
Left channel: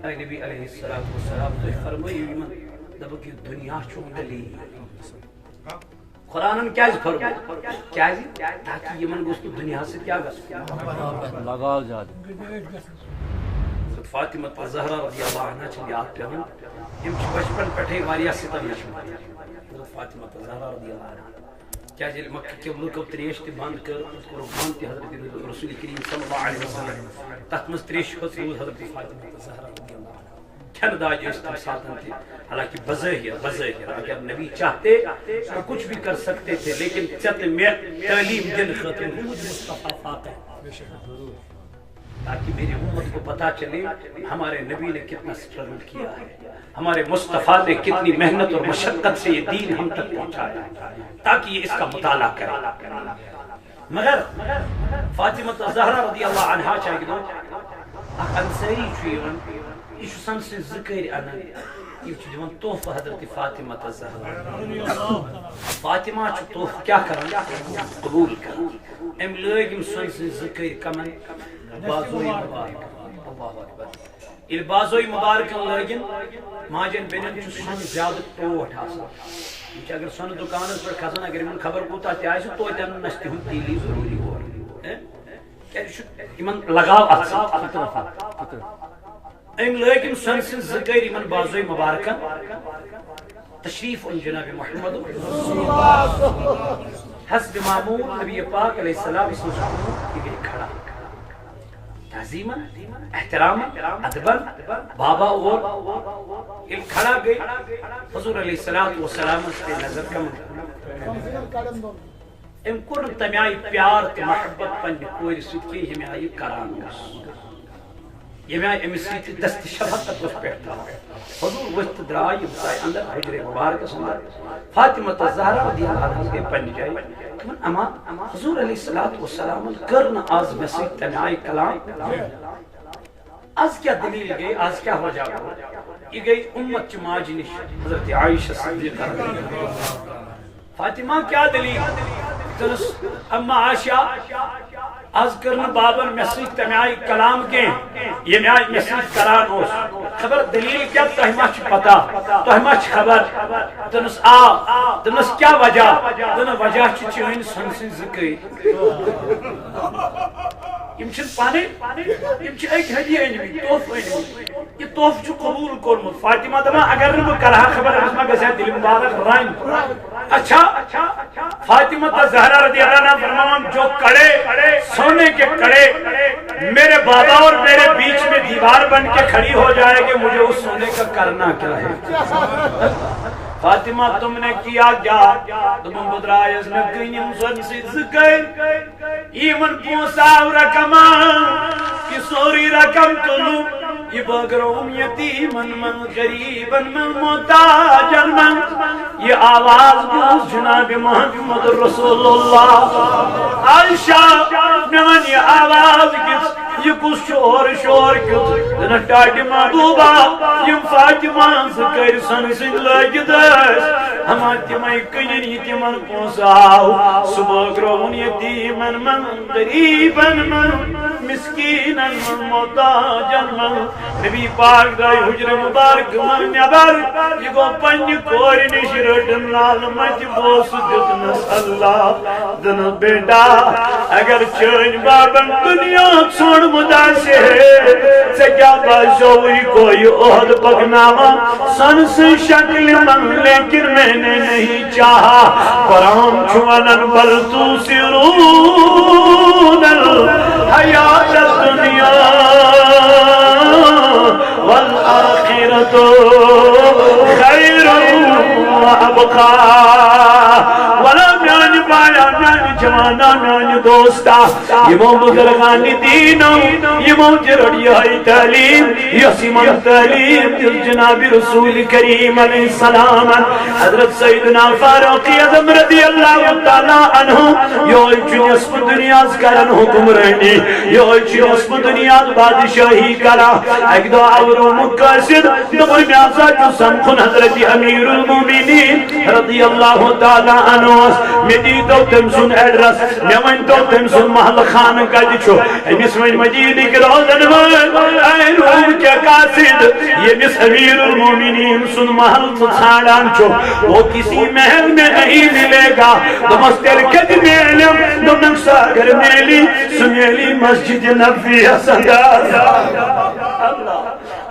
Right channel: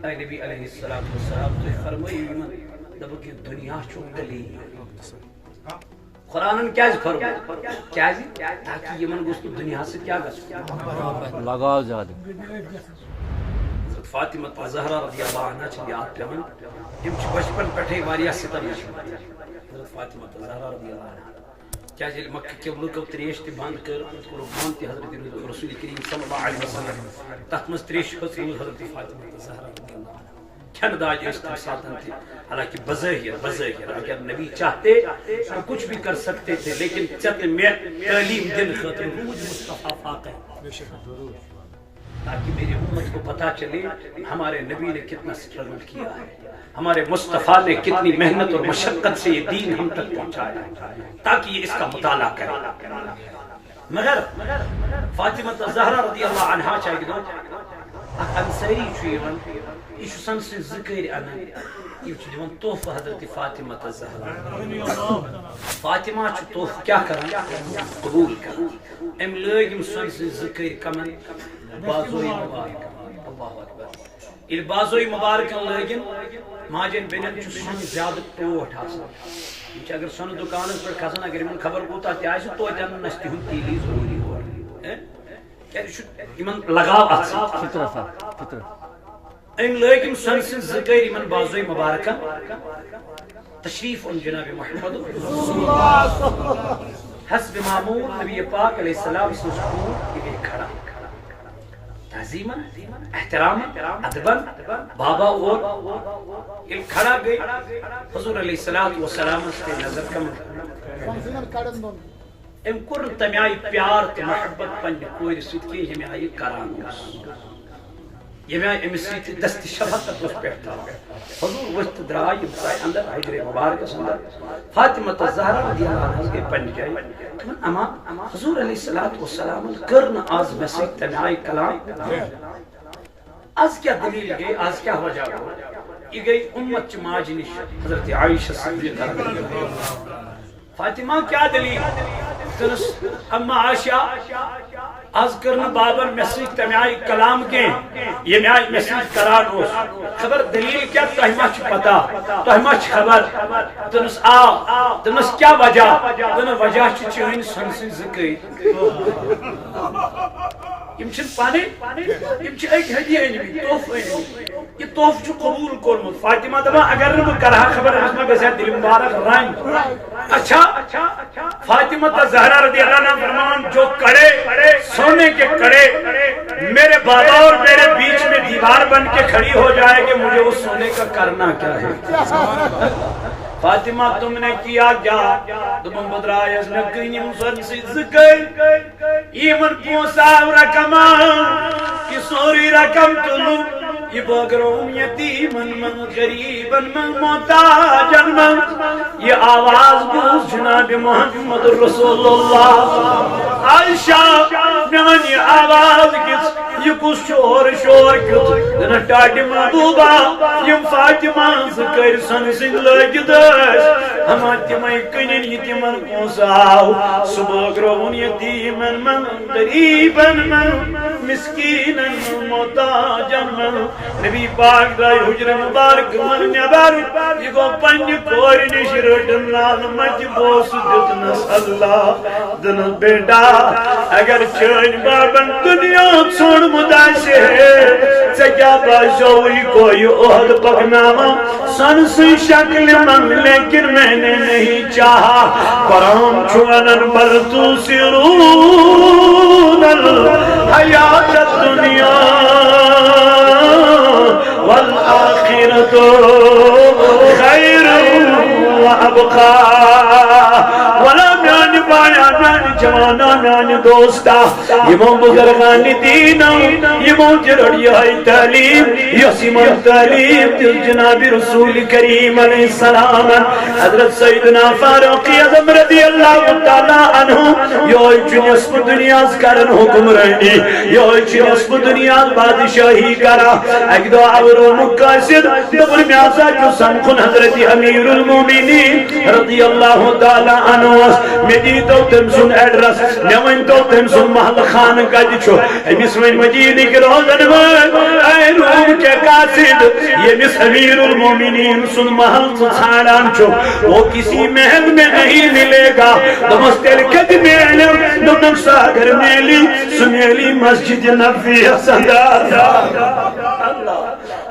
اے نبی علیہ السلام تو فرمائیو یمن دبو کہ دنیا چھو قلیل قرآن کیا فرمو کیا تاکہ یمن گوشت دنیا سے کیا گسو لگاو زیادہ فاطمہ زہرا رضی اللہ عنہ چھ یاد پیون یم چھ بچپن پٹھے واریاہ ستم حضرت فاطمہ زہرا رضی اللہ عنہ کیا جل مکہ کے لوکو تریش تے بند کر کرو بند تے حضرت رسول کریم صلی اللہ علیہ وسلم تات مس تریش خود حضرت فاطمہ زہرا رضی اللہ عنہ کھن داج اس ساتن تھی حالانکہ بظاہر اگر نبی چاہتے تو کچھ بھی کر سکتے تھے لیکن چت میں تعلیم دن خاطر مجھ مصطفیٰ فاقہ تاکہ میری امت کو پتا چلے ہمارے نبی نے کتنا سٹرگل کیا ہے ہمارے مصطفیٰ نے کتنی محنت اور مشقت سے یہ دین ہم تک پہنچایا ہے تاکہ یہ اس کا مطالعہ کرے مگر فاطمہ زہرا رضی اللہ عنہا چاہیے دو انصاری چھوئیون یہ سن سے ذکر انا یہ دیوان تحفہ حضرت فاطمہ زہرا فاطمہ چھ تحفہ کیا کران قبول کران ام لوگ سن سے ذکر کمن بازوئی مبارک اللہ اکبر یہ بازوئی مبارک لگن ماجن بینن سن زیادہ ٹوٹ آسان اگر سن دکان پر کھسن اگر من خبر کوتا تہ تو تن نستی ہن تیلی ضروری ہو یمن لگاو ام لگن سن سے ذکر من بازوئی مبارکن تشریف ان جناب محمد حسب معمول نبی پاک علیہ السلام اس مسکون کے کھڑا تعظیماً احتراما ادباً بابا اور یہ کھڑا گئی حضور علیہ السلام سے نظر کم ام کور تمہیں آئی پیار تو محبت پنی کوئی رسید کی ہمیں آئی کران یہ میں امس سیتی دست شفقت اس پیٹھتا حضور وقت درائی بتائی اندر حجر مبارک اندر فاطمہ زہرا رضی اللہ عنہ کے پن جائی کہ اما حضور علیہ السلام کرن آز مسیح تنائی کلام آز کیا دلیل گئی آز کیا وجہ یہ گئی امت چماج نش حضرت عائشہ صدیقہ رضی اللہ فاطمہ کیا دلیل اما عائشہ از کرنا بابن مسیح تمیائی کلام کے یہ میائی مسیح کران اوس خبر دلیل کیا تہمہ چھ پتا تہمہ چھ خبر تنس تنس کیا وجہ تنس وجہ چین سنسن ذکر یم چھن پانے یم چھ ایک ہدیہ انمی توف انمی یہ توف چھ قبول کرمت فاطمہ دبا اگر نبو کرہا خبر اسمہ گزیا دل مبارک رائن اچھا فاطمہ زہرا رضی اللہ عنہ فرمان جو کڑے سونے کے کڑے میرے بابا اور میرے بیچ میں دیوار بن کے کھڑی ہو جائے گی مجھے اس سونے کا کرنا کیا ہے فاطمہ تم نے کیا کیا تم بدرائے اس میں کنیم سن سی ذکر ایمن پونساو رکمان کی سوری رکم تلو یہ بگروم یتیمن من غریبن من محتاجن من یہ آواز گوز جناب محمد رسول اللہ عائشہ میانی آواز کس یہ کس شور کس دن ٹاٹی محبوبہ یم فاطمہ ذکر سن سن لگی دس ہما تیمائی کنین یتیمن پونساو صبح گرون یتیمن من غریبن من مسکینن من محتاجن من نبی پاک دائی حجر مبارک من نبر یہ گو پنج کوری نشرٹن نال مجھ بوس دتنس اللہ دن بیٹا اگر چین بابن دنیا سن مداشے سے کیا باشوئی کوئی عہد پکناما سن سے شکل من لیکن میں نے نہیں چاہا قرآن چھوانن بل تو سرون الحیات الدنیا والآخرة خير وأبقى ولم ينبع بایا میانی جوانا میانی دوستا یمو بزرگان دینا یمو جرڑی ہے تعلیم یسیمن تعلیم دل جناب رسول کریم علیہ السلام حضرت سیدنا فاروق اعظم رضی اللہ تعالی عنہ یہ نصف دنیا کرن حکمرانی یہ نصف دنیا بادشاہی کرا ایک دو اور مقاصد دبر میازا جو سمخن حضرت امیر المومنین رضی اللہ تعالی عنہ میں دی تو تم سن ایڈرس میں تو تم سن محل خان کا چھو امس وین مدینے کے روزن میں اے روم کے قاصد یہ مس امیر المومنین سن محل ژھانڈان چھو وہ کسی محل میں نہیں ملے گا دمستر کد میلم دمنگ ساگر میلی سمیلی مسجد نبی سندار اللہ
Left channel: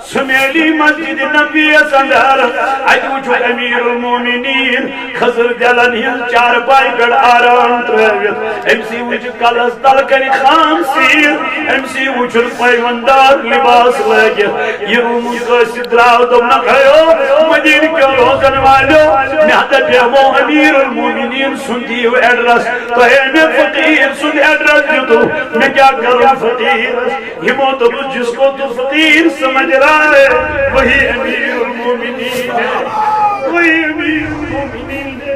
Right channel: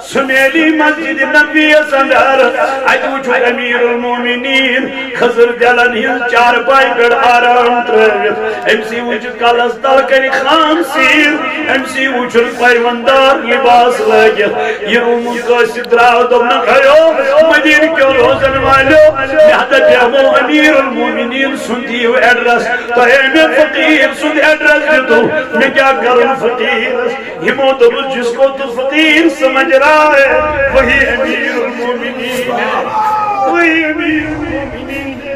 سمیلی مسجد نبی سندار اجوچو امیر المومنین خضر دلن ہن چار پائی گڑ آرام ترویت امسی وچ کلس دل کنی خام سیر امسی وچ پیوندار لباس لگت یہ روم قاصد راو دمنا کھایو مدین کیوں روزن والو میادہ بیمو امیر المومنین سندیو ایڈرس تو اے میں فقیر سند ایڈرس جو میں کیا کروں فقیر یہ موتب جس کو تو فقیر سمجھ رہا ہے وہی امیر المومنین ہے وہی امیر المومنین ہے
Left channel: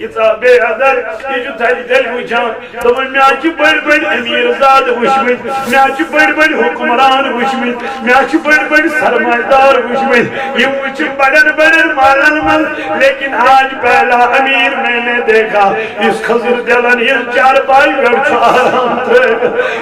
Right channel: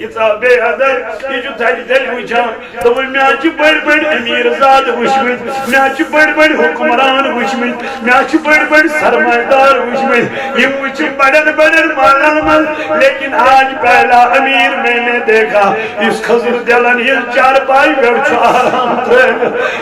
یہ صاحب حضر یہ جو تھا دل وچھان تو میں آج بڑ بڑ امیر زاد وشمت میں آج بڑ بڑ حکمران وشمت میں آج بڑ بڑ سرمایدار وشمت یہ وچھ بڑن بڑن مالن مل لیکن آج پہلا امیر میں نے دیکھا اس خضر دلن یہ چار پائی بیٹھ آرام تھے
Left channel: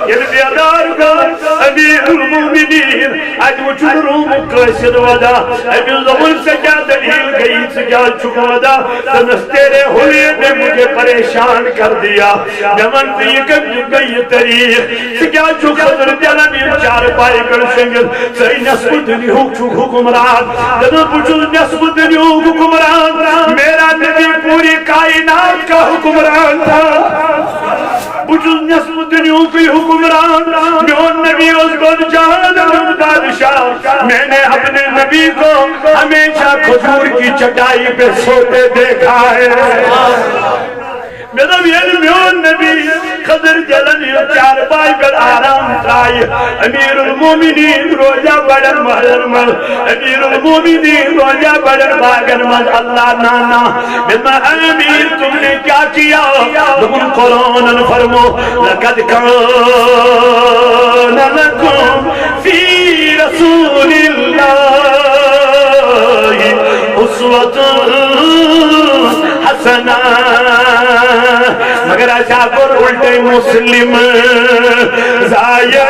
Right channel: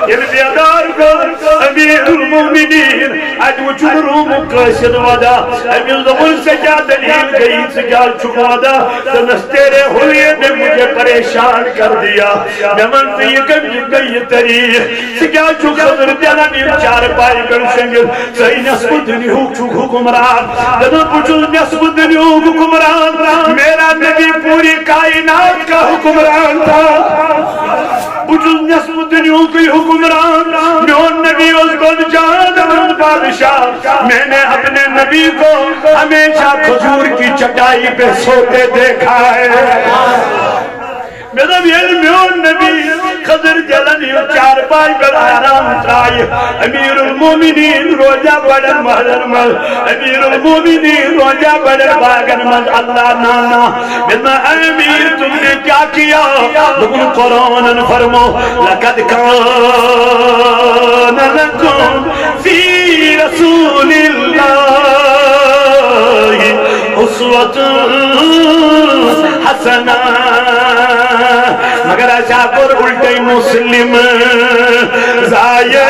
یہ بیدار کر امیر المومنین آج وچھ روم قاصد ودا امیر زمن سے کیا دلیل گئی سے کیا چھکا ودا تنس تیرے ہولیے نے مجھے پریشان کر دیا میں منتی یہ کم جگہ یہ تاریخ سکیا چھو خضر دلن یہ چار پائی کر شنگل سہی نصف دنیا چھو حکمران جدو پوچھو نصف دنیا حکمران میرا نبی پوری کائنات کا حکمران تھا پوچھو نصف دنیا کی حکمران میون نبی اس کو جان بادشاہ میں نے اپنے نبی کو ہمیشہ کھجور کی چٹائی پہ سوتے دیکھا ہے میرا میون نبی خضر جلن چار پائی پر آرام ترائی امیر المومنین روجہ بڑن محلن مل امیر المومنین روجہ بڑن باغن مل اللہ نانا میرا امیر تم نے کیا کیا تم قرآن فرمو لقد کان لکم فی رسول اللہ اسوۃ حسنہ مگر ایسا پر الٹے مسلم زائے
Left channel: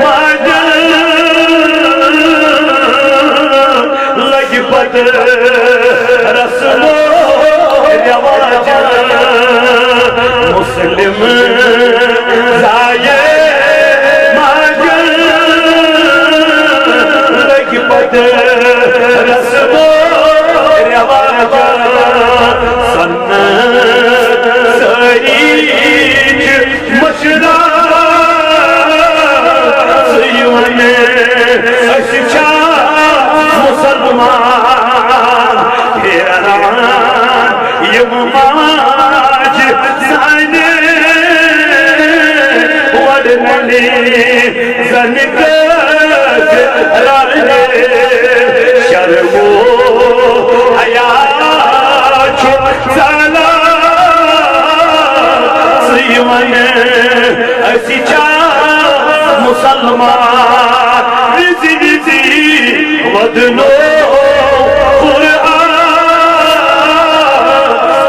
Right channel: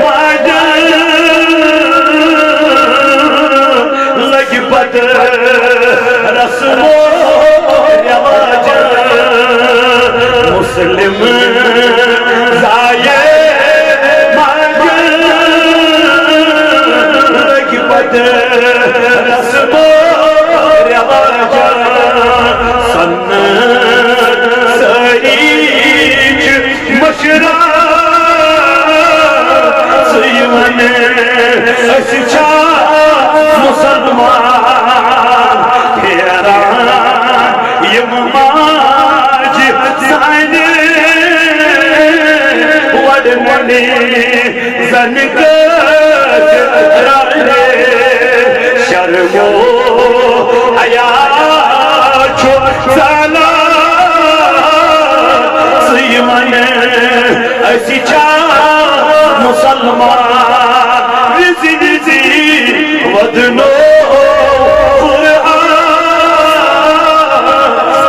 ماجن لگ پت رسم و رواج مسلم زائے ماجن لگ پت رسم و رواج مشرا سیون اشچا مسلمان تیران یم ماج سانے وڈنی زنکت رانے شرمو حیات چھو سالا سیون ایسی چاہ مسلمان ویزی ویزی ودنو قرآن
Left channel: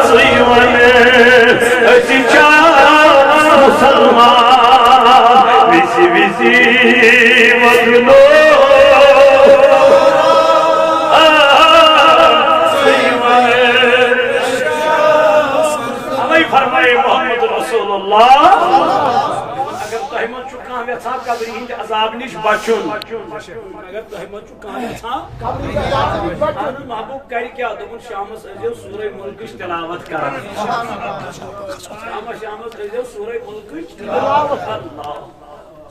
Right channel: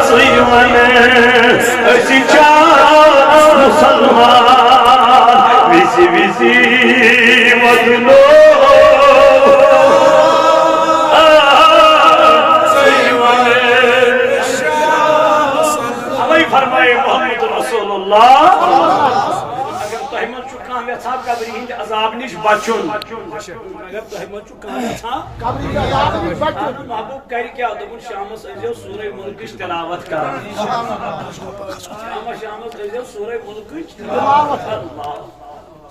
سیون ایسی چاہ مسلمان ویزی ویزی ودنو فرمائے محمد رسول اللہ اگر تحمل چکاں ویسا قبری ہند عذاب نش بچن اگر تحمل چکاں ویسا آنو محبوب کر کیا دبن شامس ازیو سورہ ملکش تلاوت کر شامس ازیو سورہ ملکش اللہ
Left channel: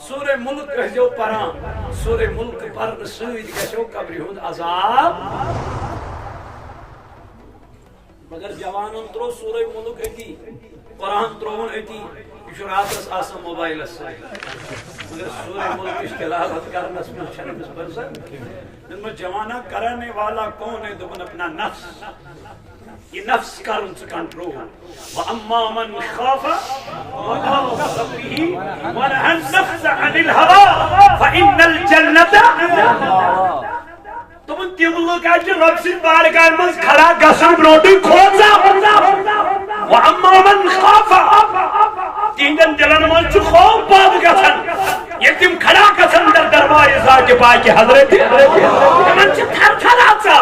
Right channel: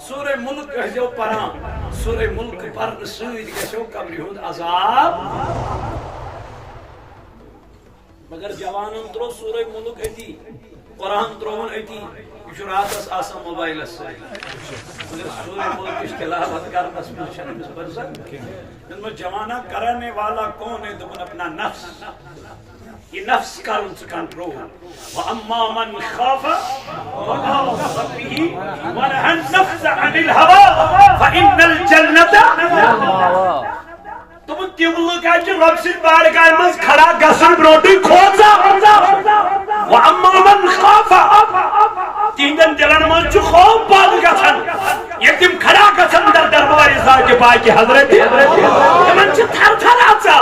سورہ ملک ازیو پران سورہ ملک پرن سید گشو قبری ہند عذاب مگر جوانن ترو سورہ ملک اتی قرآن ترون اتی یہ راتس آسان موبائلس مگر سورہ ملک کی تلاوت کرنس میں چھنمس برسن ان میں جوانہ کرنے والا کون ہے دبن اپنا نفس یہ نفس کرن سے کنٹرول وَأَمَّا مَنْ خَافَ مَقَامَ رَبِّهِ وَنَهَى النَّفْسَ عَنِ الْهَوَىٰ فَإِنَّ الْجَنَّةَ تم تم لوگ رب سن بارگاہ مز کھڑا گسن بروٹی کھوزا وَأَمَّا مَنْ خَافَ تیندن جلن من چھ خوف پاد گسن یہ تم کھڑا گسن در دربار ذات پاک حضرت من چھ تھر تھر آچا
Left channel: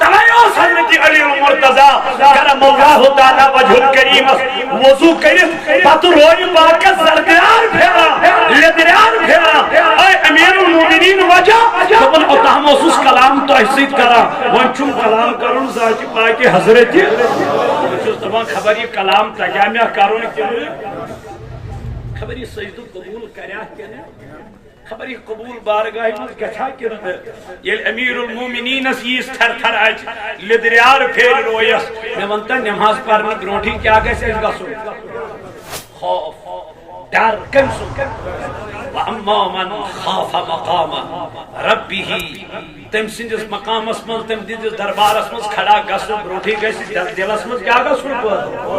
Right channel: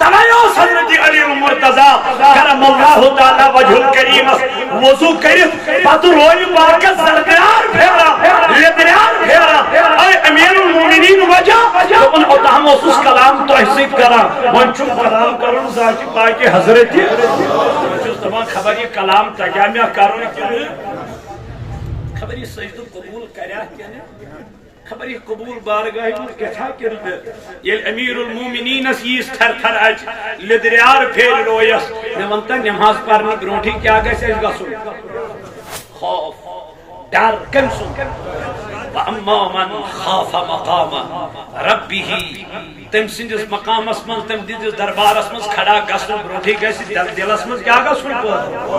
تلائیوس حضرت علی المرتضی کرم اللہ تعالی وجہ الکریم وضو کرف پتو روی بارکت سردیار پھیرا لیدریار پھیرا اے امیر المومنین وجہ تمن اتہم اس کلام تحسید کرا ونچم کلام کرن ذات پاک حضرت تمام خبر یہ کلام تجامع کرن کیوں خبر یہ سجدو قبول کریا کیوں خبر یہ قبول بارگاہ میں کچھا کرن یہ امیر المومنین اس تھر تھر آج لدریار پھیر رویس میں ونتا نماز پڑھنے برونٹھی کیا گئے گسو خوف ڈر کمسو وَأَمَّا مَنْ خَافَ مَقَامَ رَبِّهِ تم سندس مقام اسمن تم دیدس دربار اسمن کھڑا گسن برونٹھی گئے دل اسمن کیا گسن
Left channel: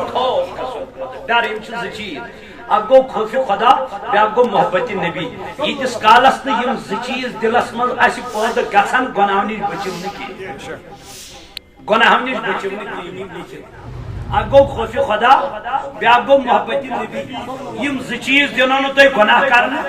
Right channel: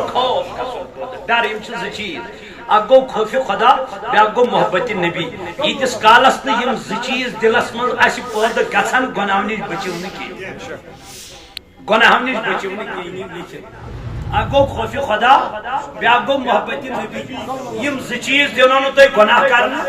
خوف ڈر ان چیز چیز اگو خوف خدا بیاگو محبت نبی یتس کالس یم چیز دلس من اس پود گژھن گناہ نش بچون کی گناہ نش بچون کی اگو خوف خدا بیاگو محبت نبی یم چیز دنو نو تہ گناہ کرنا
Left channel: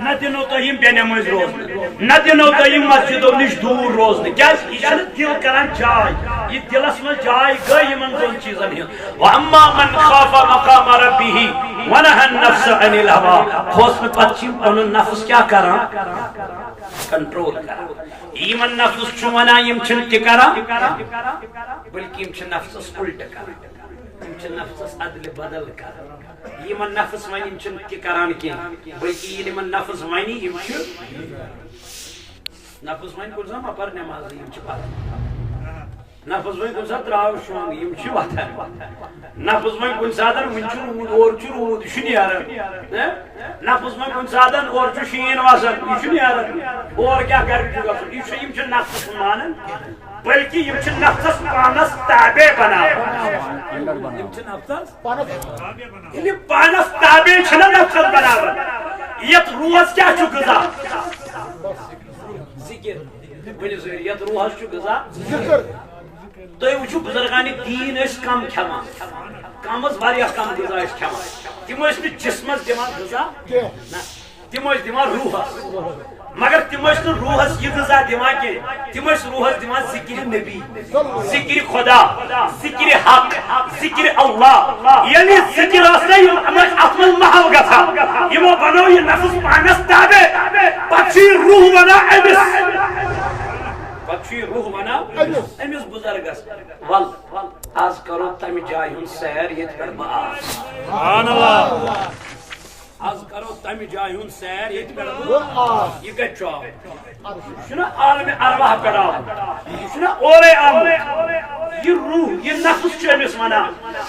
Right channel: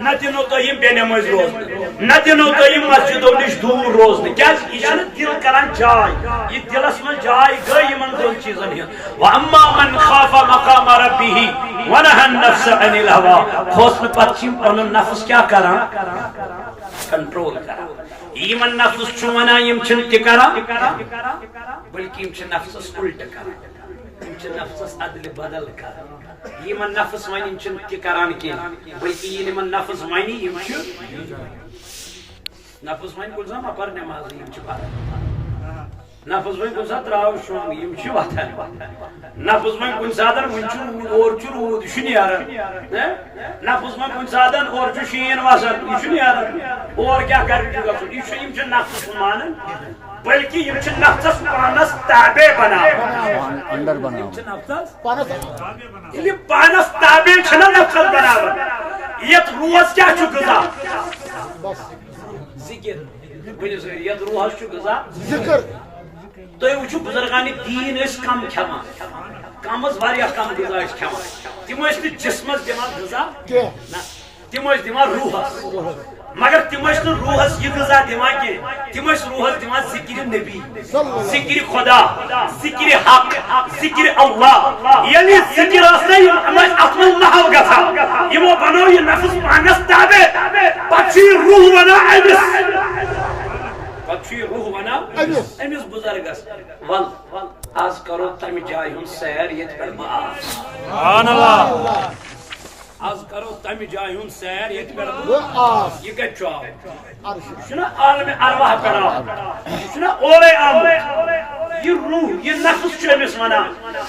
نہ دنو تہ یم بے نماز روز نہ دنو تہ یم مسجدو نش دور روز کیا یہ دل کران جائے یہ دلس من جائے گئی یمن دون چیزن ہن واما من خاف مقام ربه ونهى النفس عن الهوى خوف پتچم پن نفس کیا کران کنٹرول کران ایمن نفس چونا یم چن تکرا بلکہ یم چن نفس الٹ کران یم چن نفس عدل بدل کران یمن نفس ون یم چن کی کران کی بلکہ یمن نفس ونی یم چھ نفس ون کل زما پر نماز یم چھ پر نفس ون کن سات راو شونگ یم چھ واتن نفس ون کن ساتن ون چھ اور چھ رود شنیارن نفس ون کن ساتن اور چھ شین واسن یہ شنیارن اور کیا کر گژھن یہ چھ یم چھ نفس مانن بلکہ یم چھ نفس پانس تابع بنا یم چھ نفس پانس تابع چھنا نفس بنا یت روز کیا چھ غذا ذکر بنی زیر یت روز چھ غذا ذکر تو وچھو بزرگان دین اس کم کھیوان کم از واریاہ کم غذا اس کھیوان تم اس جسمس دِوان غذا تم اس دِوان روحس مگر تم اس روحس یہ غذا دِوان کی تم اس روحس دِوان ذکر نبی ذکر خدا ذکر حق ذکر اللہ یعنی ذکر اسے اصل محو گژھان یمو بنو یہ نفس پانس تابع پچھی روح بنا امس پچھی روح بنا امس بزرگس ول آز کرو تم جائے ہن سیر یت پر بآس سبحان اللہ آز کرو تم جائے ہن سیر یت پر بآس یہ گچھو شنا عالم ارواح کرا شنا اورے عالم یہ روح یہ نفس چھ امس ونا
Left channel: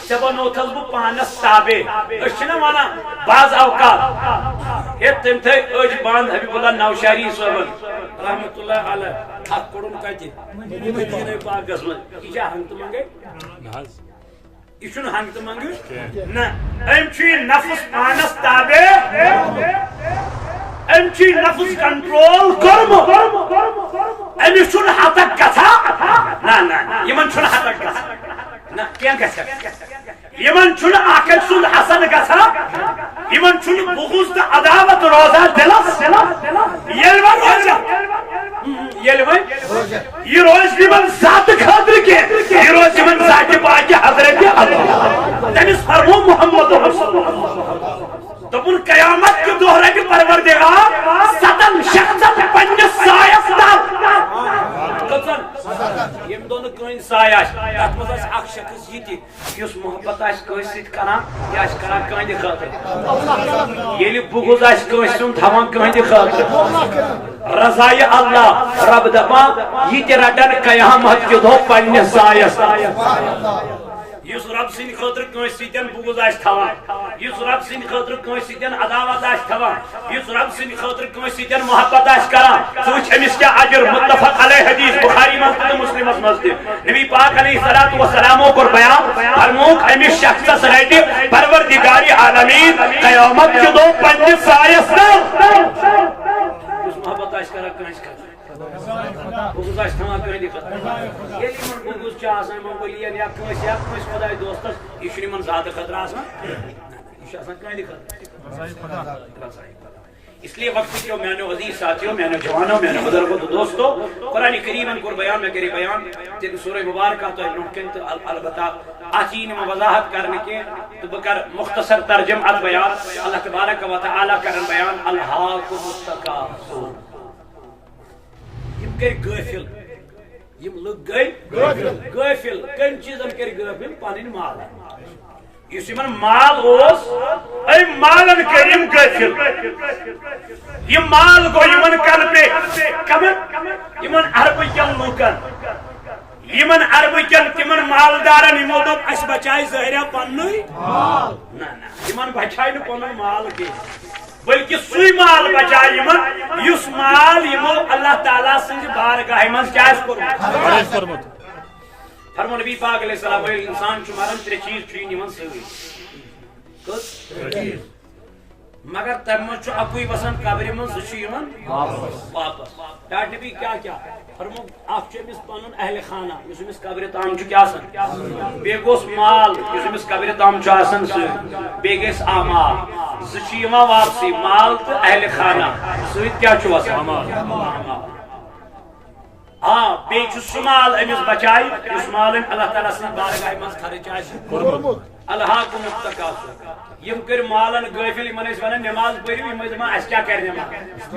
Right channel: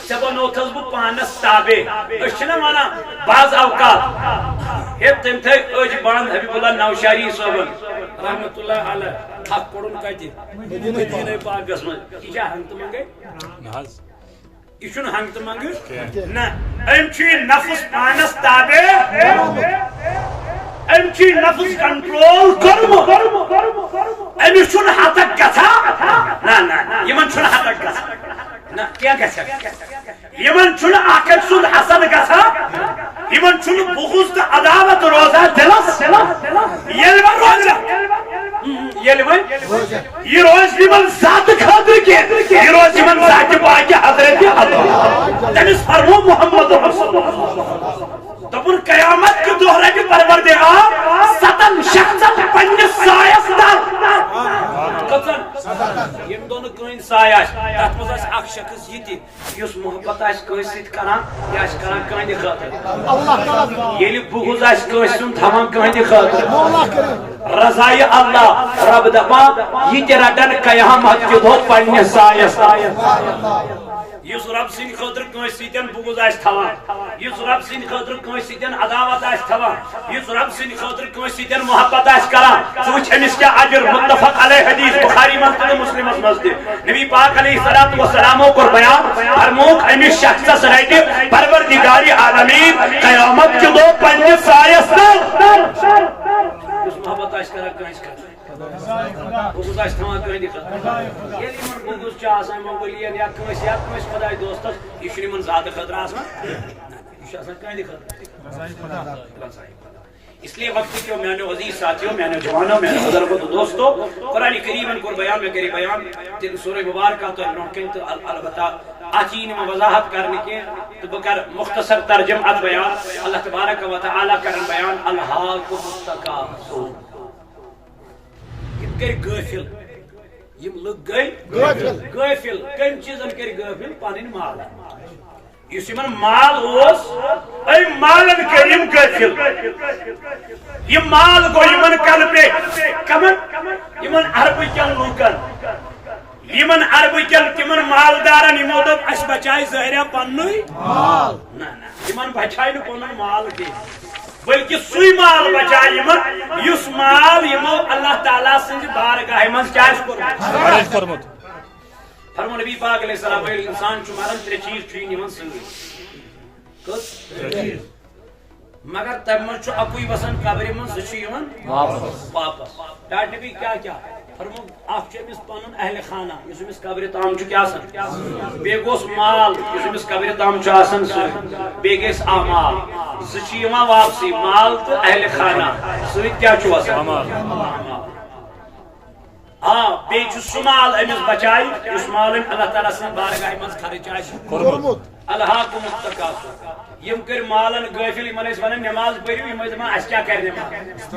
جب نو تھس بہ پانس تابع اشنا ونا بعض اوقات ہے تم تھے اج باند حبیب اللہ نوشاری صاحب رحمت اللہ علیہ حق کوڑن کتی مدینہ پاکس من یہ ہنگت منگے یہ چھن ہنگت منگے نہ ام چھ نفس پانس تابع ام چھ نفس کنٹرول کرم ام چھن ہتک گژھا نہ نہ یمن چھن ہتک گژھا نہ کیا گژھا یمن چھن آکل سن حسن گژھا یمن چھن بغض تہ عداوت روزہ دلس یل و روزہ یل و یہ روز یمن ذات خاطر کے یہ روز یمن ذات پاک حضرت تمس فرمو محمد رسول اللہ دپن قیامت کے دہ رٹہ پروردگار ستن شخصن پنس سایس در کتن یم دون کن سایہ تر مز اخ شخص یہ اس محبت کس ست کران یہ کران کہندِ خاطر ییٚلہِ بغض کٲنٛسہِ ہُنٛد تھاوان کہندِ خاطر رضائی اللہ رب دپا یہ تہ رٹن قیامت کہ دو پنہ سایس یس رب سن خاطر کنس سیتن بغض آس تھوان یس رب سن خاطر کنس سیتن عداوت آس تھوان یس رب سن خاطر کنس سیتن محبت آس کران ث وچ امس کیا اجر متفق علیہ حدیث بخاری مسجد مسلم مسجد نبی پاک علیہ الصلوۃ والسلام کو بیان فرموک امس شخص رٹ پروردگار عالمین قیامت کے دو پنہ سایس اس محبت آس کران کنس بغض آس تھوان کہندی خاطر یلی من بغض چھ آسان منگولین یا کنس خدای دوستس یہ چھ من ذات خطر آسان یہ چھ آسان کہندی خطر اس لیے وقت کیوں میانو عزیز ساتھیوں میانو جوانوں میانو بزرگوں تو دوستو قرآن کریم کو بیان میں کری بیان تین سورہ مبارکہ تو ابن کن تو البتہ آچین میں وضاحت کرنے کے تو بکر مختصر ترجم ات بیان اللہ تبارک و تعالی کرن بیان الہاکم التکاثر یم کر غافل یم لوگ گئی غافل کم چیزن کر غافل پنن مال اس یمن مال اوس اے مالن کریم غافل یہ مال گو یمن کل پہ کمن یمن عرب کن لوکن یمن عرب کن تمن مالدارن یمو دپ اس بچائے ظاہرہ پنوی نہ یمن بچائے نہ پنن مال کی بلکہ سوی مال بچائے یمن یس مال یمو اللہ تعالیٰ سنج بارگاہ من کیا اس کرمت فرمو نبی پاک علیہ السلام انسان چھ مرن ترے چیز چھ نیون سوی کس مگر تم من چھ اکوئی وسن قبر من ز چھ یون واپس ڈاٹ نبی کیا فرمو اخ چھ مس پنن اہل خانہ یس مس قبر تام چھ کیا سن بے گوس مال یس مس قبر تام چھ آسن س بے گیس اعمال ز چھ یما واپسی مال تو اہل خانہ سویت کیا چھ وسن ہاں بے چھ سمال امس بچائی اس مال اللہ تعالیٰ سن بارگاہ من خرچ آس الہاکم التکاثر یم کر مالن غافل یمن اس ونن نماز پڑھو یم دپان اس کیا کر نماز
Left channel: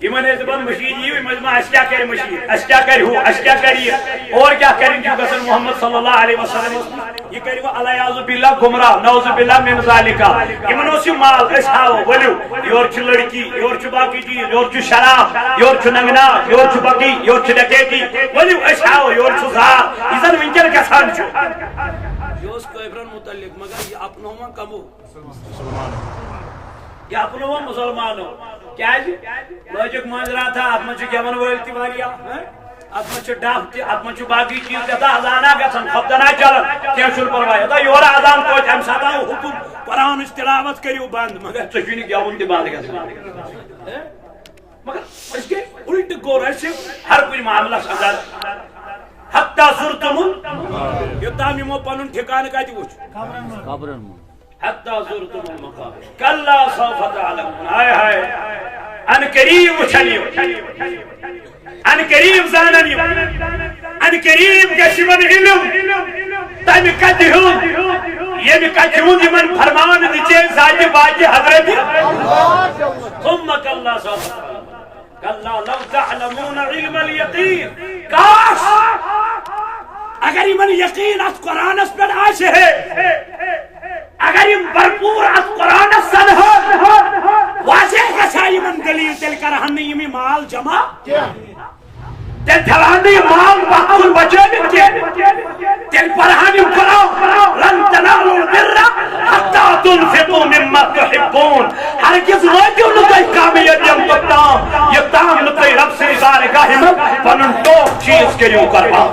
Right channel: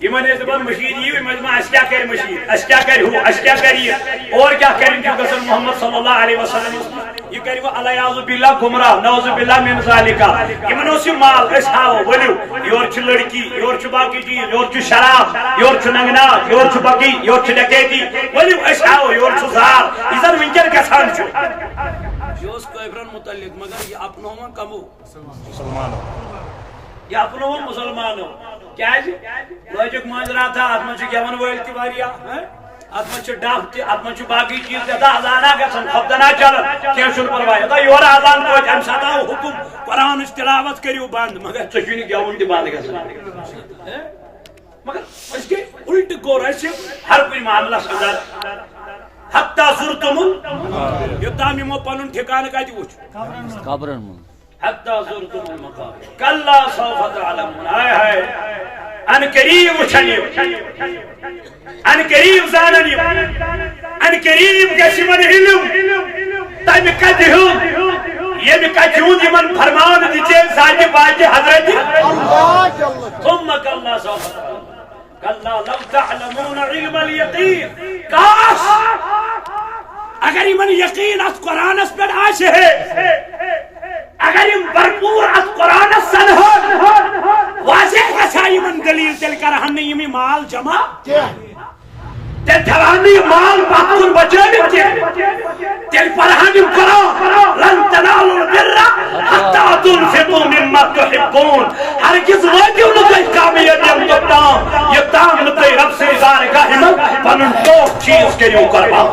یمن اس دپان مشید یو یم دپان اس کیا کر مشید اس کیا کر ہو اس کیا کر یہ اور کیا کریں جو گسن محمد صلی اللہ علیہ وسلم یہ کرے وہ الیاذ باللہ گمراہ نعوذ باللہ من ذالک یمن اس مال اس ہاو ولو یور چھ لڑکی یور چھ باقی چیز یور چھ شراب یور چھ ننگنا یور چھ بقی یور چھ ڈکیتی ولو اس ہاو یور چھ زار اذن ونکر گسان چھ جوس کوئبرن متعلق مگر یہ اپنوں میں کمو یہ اپنوں میں مسلمانوں کیا جی لوجک مانجرا تھا اتمن چھ گیون ویل تی واریا اتمن چھ ڈاف تی اتمن چھ باقی چیز تھا اذانا گسن خبدنا چلن کیا شن پرواہ تھا یور اذان کو ہم ساتا حکم قرآن تلاوت کریو بند مگر چھ گیون تی بند گسن مگر اس کے الٹ گور ایسے ہر کوئی معاملہ اندر حتی زرتم یوتام یمو پنن ٹھکانہ کتہ وچ قبرن حتی زرتم المقابر کلا سوف تعلمون ہائے ہائے ان قریب وچھنیو ان قریب زاننیو ان قریب گشمن علم تم کتہ ہوں یہ کتہ ہوں یمن فرمان دچے ذات باج حضرت ثم کلا سوف تعلمون کلا لو تعلمون علم الیقین کاش اگر من یقین اس قرآن اس پر آش ہے اگر یم بھرپور اس قرآن سن واضح رسائی من دلیل تل کر ہم نے یہ مال جمع تل تھوانی مال باقول بچانے کے تل پرہانی قرآن لن تنالوا البر حتی تنفقوا مما تحبون ہرگز واجب نتائی کامیت یم تتام یہ تام نتائی رب سے بارگاہ من پنن دو چیز کے لیے کروا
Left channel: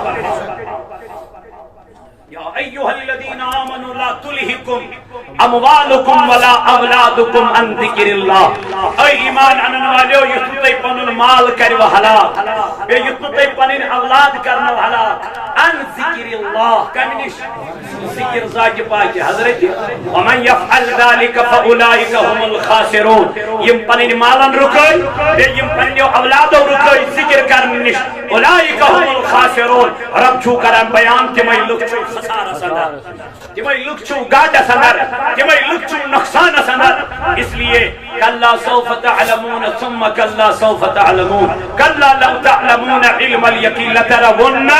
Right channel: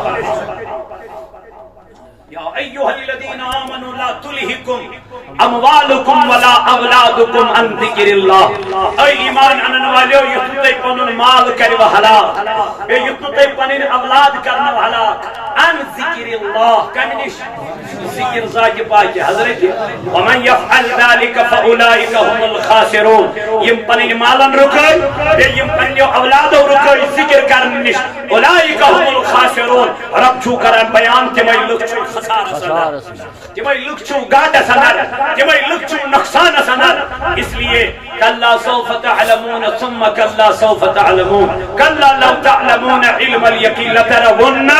یا ایوہ الذین آمنوا لا تلہکم اموالکم ولا اولادکم عن ذکر اللہ اے ایمان انن والیو یتنو تی پنن مال کریو حلال بے یتنو تی پنن اولاد کرنو حلال عن ذکر اللہ کمنش ذکر ذات پاک حضرت ومن یفعل ذلك فاولئک هم الخاسرون یم پنن مالن رکوئی بے یم پنن اولادو رکوئی ذکر کرنش اولئک هم الخاسرون رب چھو کرن بیان تمہیں لوگ چھو خسارہ سندر تمہیں لوگ چھو گاٹا سندر تمہیں لوگ چھو نقصان سندر اس لیے کلا سوف تعلمون ثم کلا سوف تعلمون کلا لو تعلمون علم الیقین لترون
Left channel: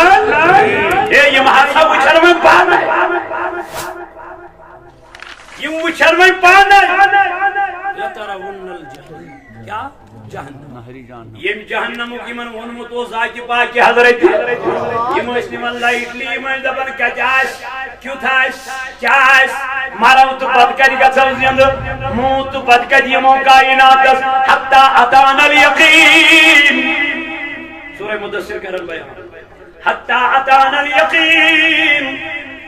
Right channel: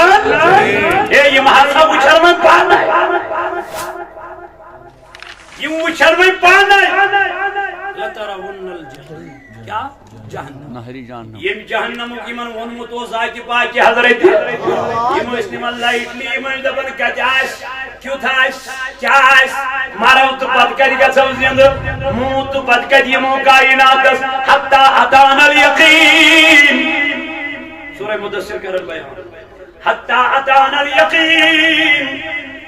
یہ محاسب وچھر میں پانا یہ وچھر میں پانا لترون الجحیم کیا جہنم نہری جہنم یم جہنم یمن ونمت او ذات پاک حضرت یم اس نمن لائٹلی یم دپن کت آس کیُتھ آس کیا آس مرو تو پت کت گژھو زند موت تو پت کت یمو کائناتس حتی اتانا الیقین سورہ مدثر کرن بیان حتی اتانا الیقین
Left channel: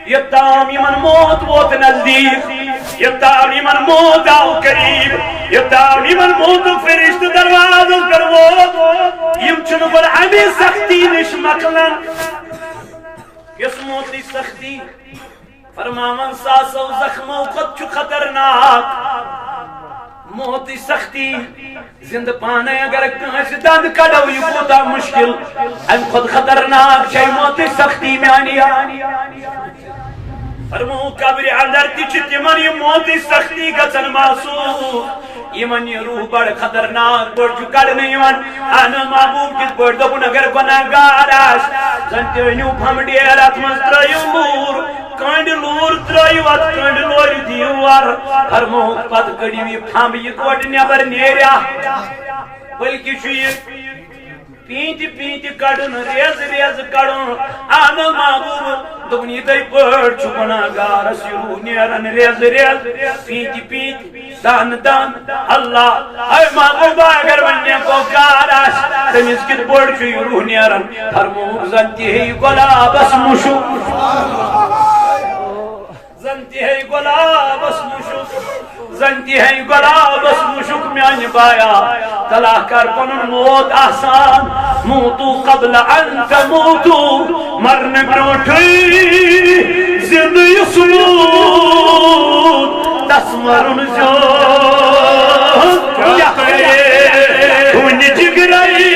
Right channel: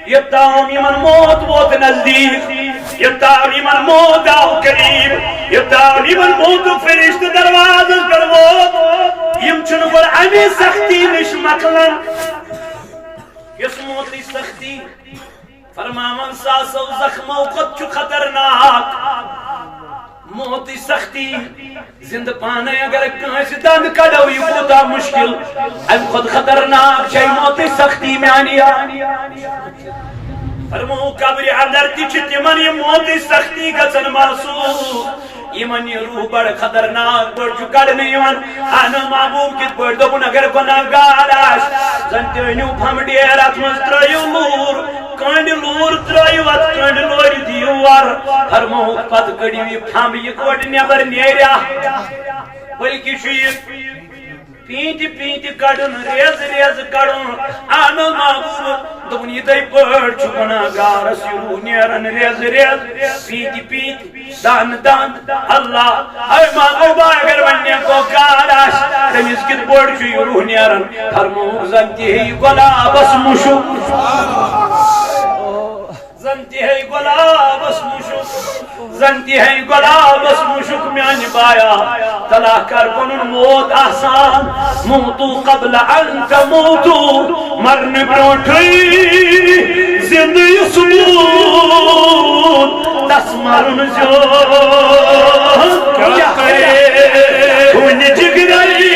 یتام یمن موت ووت نزدیک یتام یمن موت آو قریب یتام یمن موت فرشت دروازس پر ووت یم چھن گر امی سختی نش مکلن یس موتی سختی فرماون ساسو زخمو خود چھو خطرناک موتی سختی زند پانے اگر کانس دند کڑو یہ کوتا مشکل ام خود خطرناک چھے موتی سختی میں آنیا فرمو قبر اندر تیچ تمن یہ موتی سختی گژھن محسوس یمن یہ روح بڑ خطرناک بڑ چھ کڑنے یمن انا محبوب کت بڑ دپن اگر گناہگار آس زن تینیو پھم ڈیر ات من ترایو لور کنڈ لور ترایو ات کنڈ لور دیوار فرمو پت کڑیو یہ پھم یہ کوٹ نیبر نیریا بلکہ چھ یہ پینت پینت کڑن ریز ریز کڑن آنل محبوب دپن یہ تھی پڑ چھ گناہگارس یہ روح نیرن ریز ریز پینت پینت دان دان اللہ اے محبوبہ اگر ونیا کو کار آس تمیز کت پڑ چھ یہ روح نیرن فرموک زنتی ہے گلابس مشک زنتی ہے گلابس مشک زنتی ہے گلابس مشک میان بایا تلا کر پنن موت آسان موتو قبل ان تموتو مرن بروٹھئی زندی سمود دس مرن جو کیا کرے کون جگرائی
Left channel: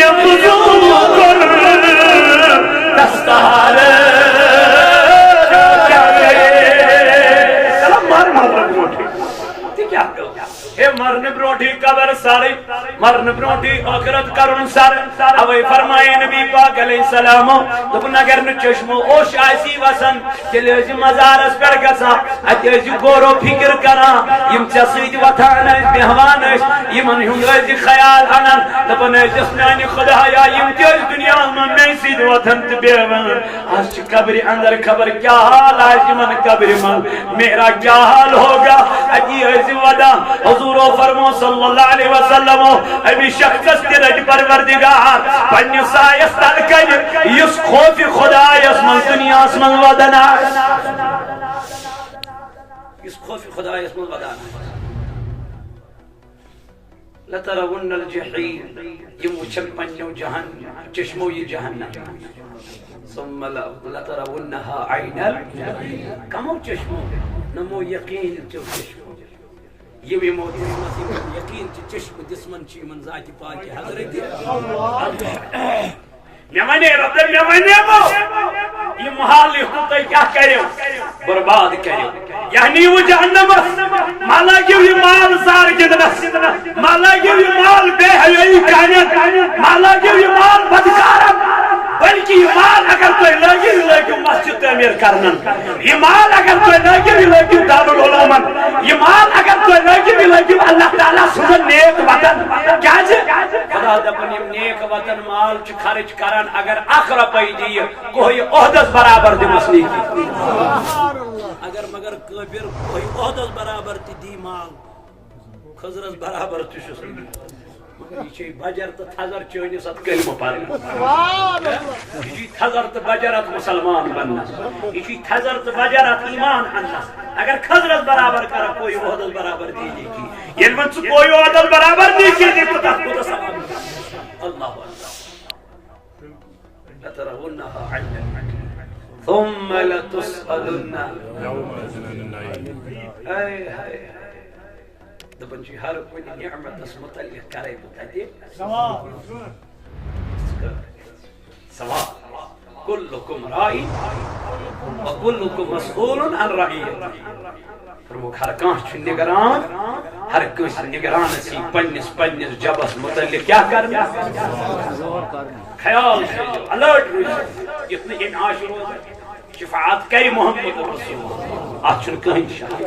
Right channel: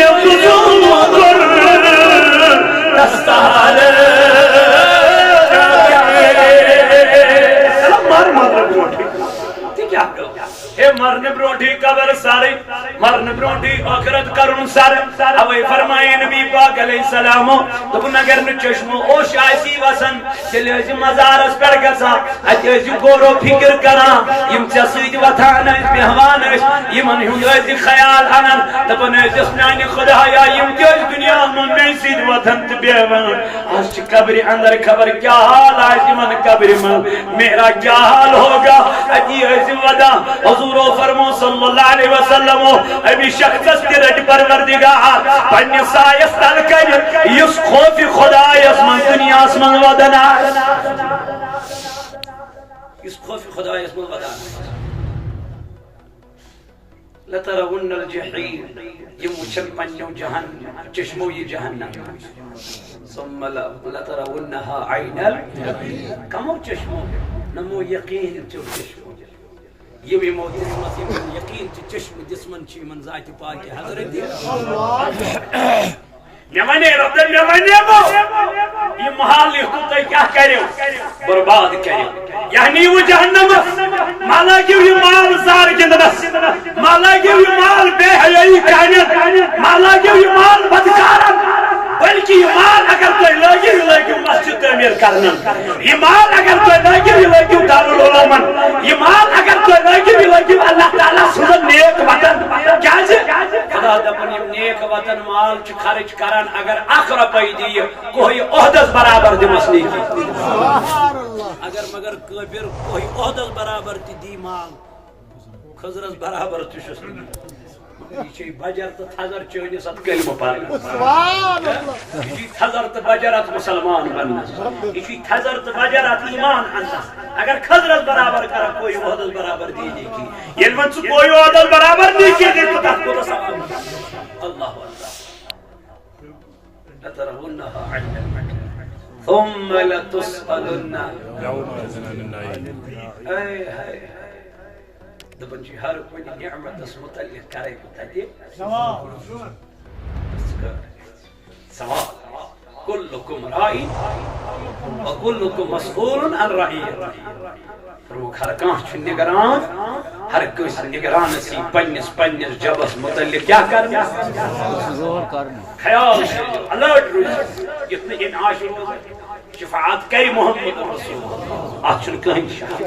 یبزو کر دستار کیا کرے سلام مار بروٹھی کیا کرو اے مرن بروٹھی قبر ساری مرن بروٹھی آخرت کرن سر اوے فرمائے نبی پاک علیہ السلام دپن اگر نہ چشمو اوش آسی وسن تیل ٲسۍ مزارس پٮ۪ٹھ گژھان اتہِ ٲسۍ غور و فکر کران یم ژےٚ سۭتۍ وتھان ٲسۍ بیہوان ٲسۍ یمن ہُنٛد ٲسۍ خیال انان دپان ٲسِس میانہِ خدایا یم تہِ ٲسۍ دُنیا منٛز مے سۭتۍ وتھان تہٕ بیہوان آز چھِ قبرِ اندر خبر کیا حال آسہِ یمن قبرِ منٛز میرا کیا حال ہوگا اتی ٲسۍ ودان حضور فرمو صلی اللہ علیہ وسلم امی شخص تی رٹ پروردگار پنی سایس تل کر یس خوف خدا یس من دنیا اس من ودنا یس خوف خدا یس من ودنا لترون الجحیم یم وچن پنیو جہنم چشمو یہ جہنم ثم لترونها عین کمو چشمو نمو یقین چو چشمو یہ موت یقین چشم جسمن چھ من ذات پاک حضرت میں رب یہ محال لکھو تو کیا کرو برباد کرو یعنی وہ جہنم مالا گیو یہ مال زار گندنس مالا گیو یہ مال بے حیائی کانت مالا گیو یہ مال بدکارت بلکہ یہ مال اگر تو لگیو مسجد تعمیر کرنن یہ مال اگر تو لگیو دارالعلومن یہ مال اگر تو لگیو اللہ تعالیٰ سن نیک وطن کیا خدا دپن یم نیک وطن مال چھ خرچ کران اگر اخ رپائی دی کوئی عہدس برابر دمس نہیں کی اگر مگر کبر کوئی عہدس برابر تی دی مال خضرس برابر تشس یہ چھ بجر تو تھزر چونی ست کلمہ پڑھنا یہ چھ تھزر تو بجرات مسلمان بننا یہ چھ تھزر تو بجرات ایمان اننا اگر خضرت برابر کرا کوئی عہدس برابر دی نہیں کی یہ من کوئی عہدس برابر نہیں کی تو تک کو ثواب اللہ لترونها عین ثم لتسألن اے دپن چھ ہر کوئی نعمت اس متعلق کرے بتاتے سوال کلکم رائی وکلکم مسئول عن رعیت فرموک ہر کانس چھ نگران ہر کانس نگران سی پنس جبس متعلق کیا کرنا خیال سے الرٹ روز اتنا انعاش روزن شفاعت کری محمد رسول اچھن کہیں شک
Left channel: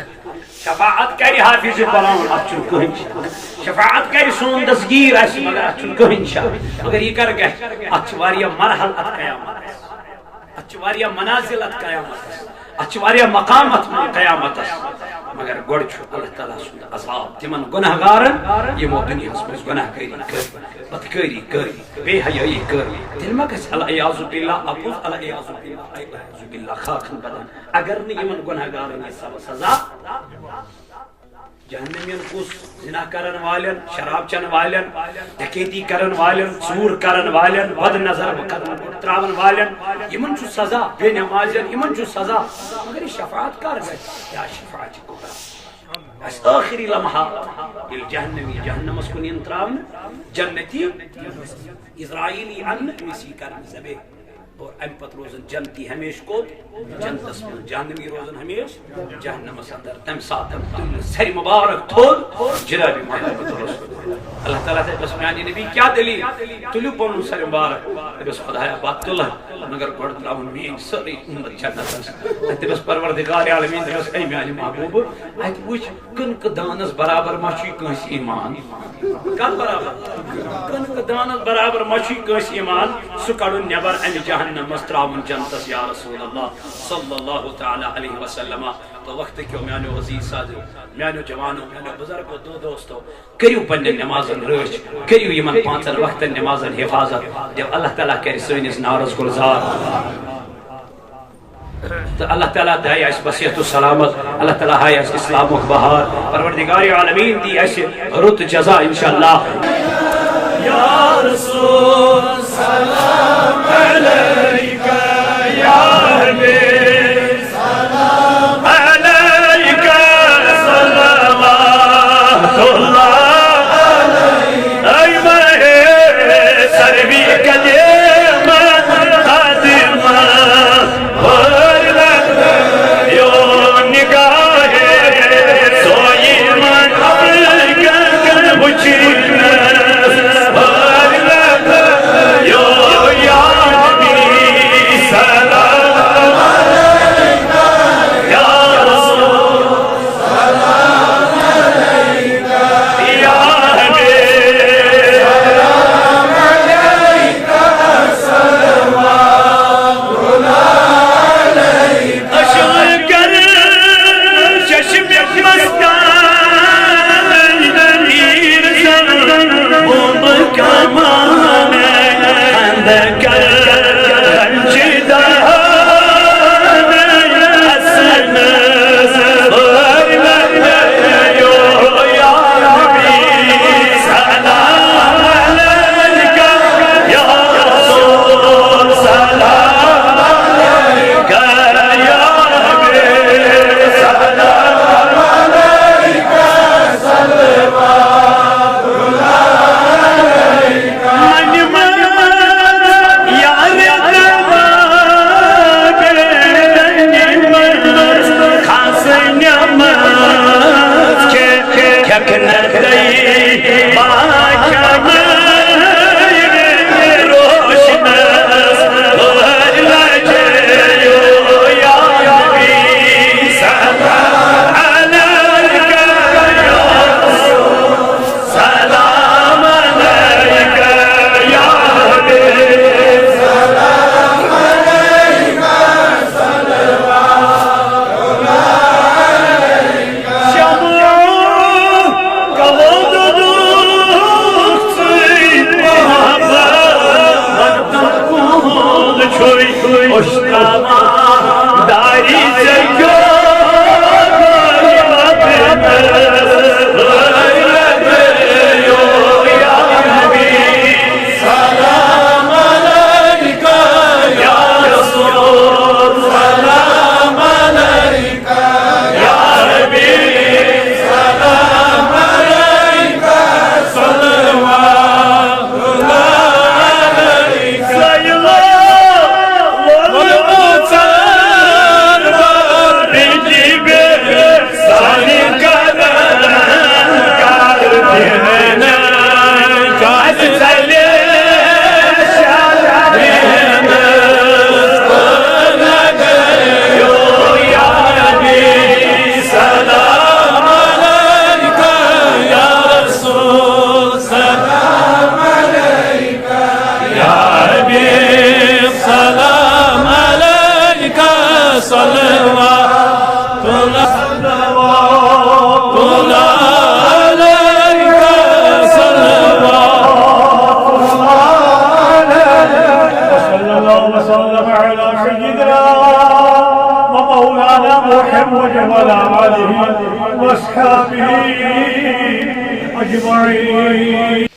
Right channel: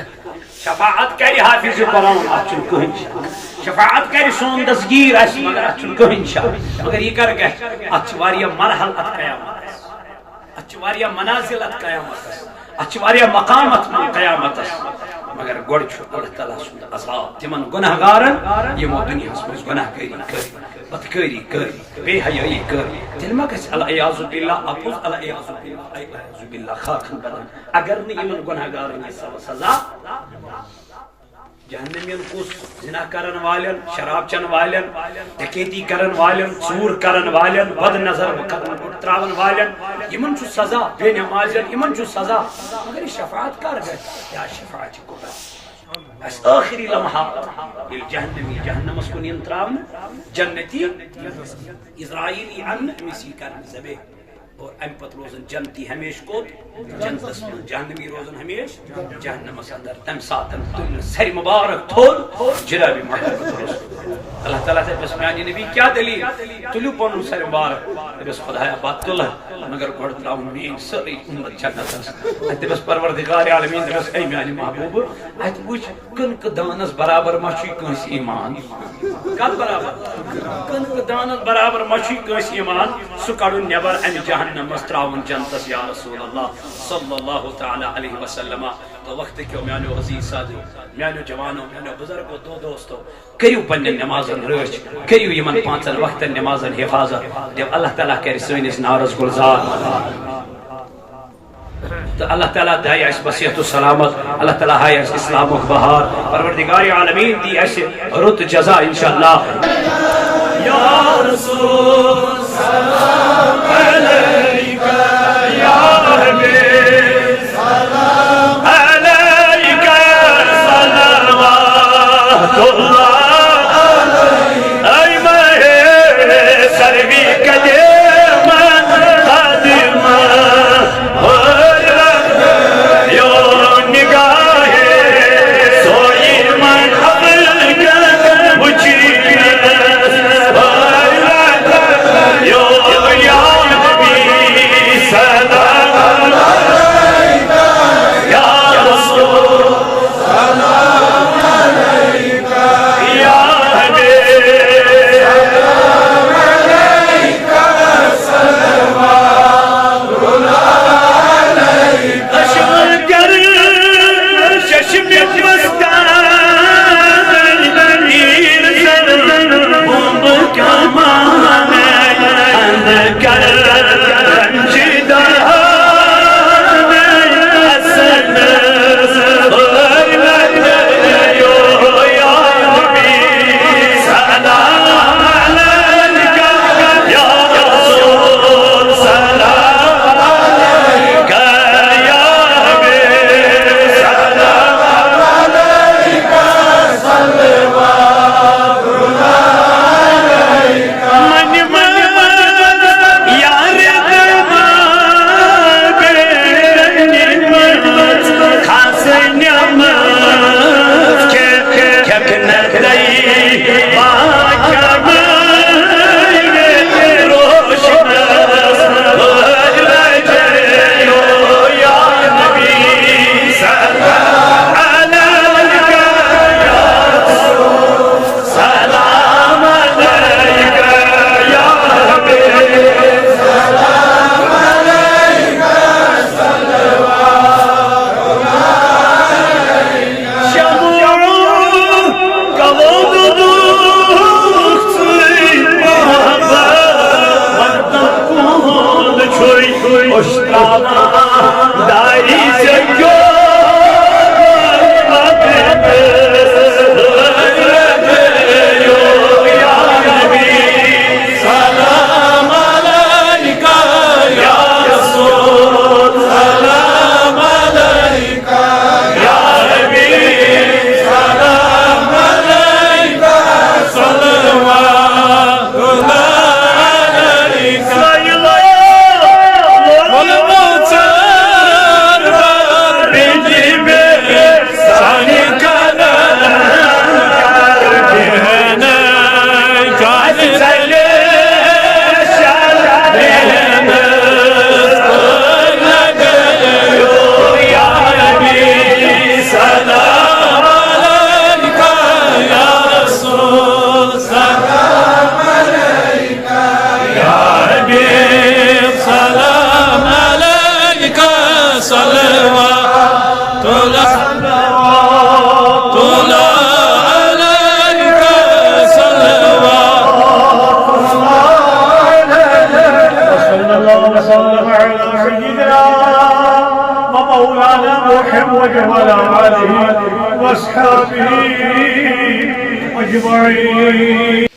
شفاعت کری حافظ قرآن اچھن کہیں شک شفاعت کری سون دستگیر اس مگر اچھن کہیں شک مگر یہ کر گئے اچھواریا مرحل ات قیامت اچھواریا منازل ات قیامت اچھواریا مقامت قیامت مگر گوڑ چھو اللہ تعالیٰ سند عذاب تمن گناہگارن یمو دنیا اس گناہ کری بدکاری کری بے حیائی کری دل ما گژھِ العیاذ باللہ اپوز العیاذ باللہ خاکن بدن اگر نہ یمن گناہگارن یہ سزا جہنمین کس زنا کرن والن شراب چن والن ڈکیتی کرن والن ژور کرن والن بد نظر تراون والن یمن چھ سزا بے نمازن یمن چھ سزا مگر شفاعت کر گئے یا شفاعت کو اس آخری لمحہ الجہنمی جہنم اس کو نیم تراون جنتی اسرائیلی ان مسی کرن زبے اور ام پت روزن جنتی ہمیش کو جنتس من جہنمی روزن ہمیش جہنم اندر تم ساتن تل سری مبارک تھول جناب محمد رسول اللہ تعالیٰ سے بس میانی نبی کیا دلیل تلو پن سری مبارک بس خدایا بات تلہ مگر گوڑ تراؤن مین سری امت جنت ایت بس پروردگار عالمین بس اے میانی محبوب ایت وچ کنک دانس برابر مچی کنس ایمان کل برابر کنک دانس برابر مچی کنس ایمان سکڑن نیبر ام جہنم مستراون جنتس یا رسول اللہ صلی اللہ تعالی علیہ وسلم تو وقت کیوں میانو عزیز سادو میانو جوانو میانو بزرگو دو دوستو کریو پنن نمازن رچ کریو یمن پانچن وقت نمازن حفاظت دیو اللہ تعالیٰ کری سوینس نارز گلزار اللہ تعالیٰ دائی اس بصیحت و سلامت اللہ تعالیٰ ہے اس اسلام و بہار پروردگار عالمین دی ایسے رت جزا انشاءاللہ یا رسول سلام علیکہ یا حبیب سلام علیکہ صلوات اللہ علیکہ ای مہے سروی قدیم قدیم صلوات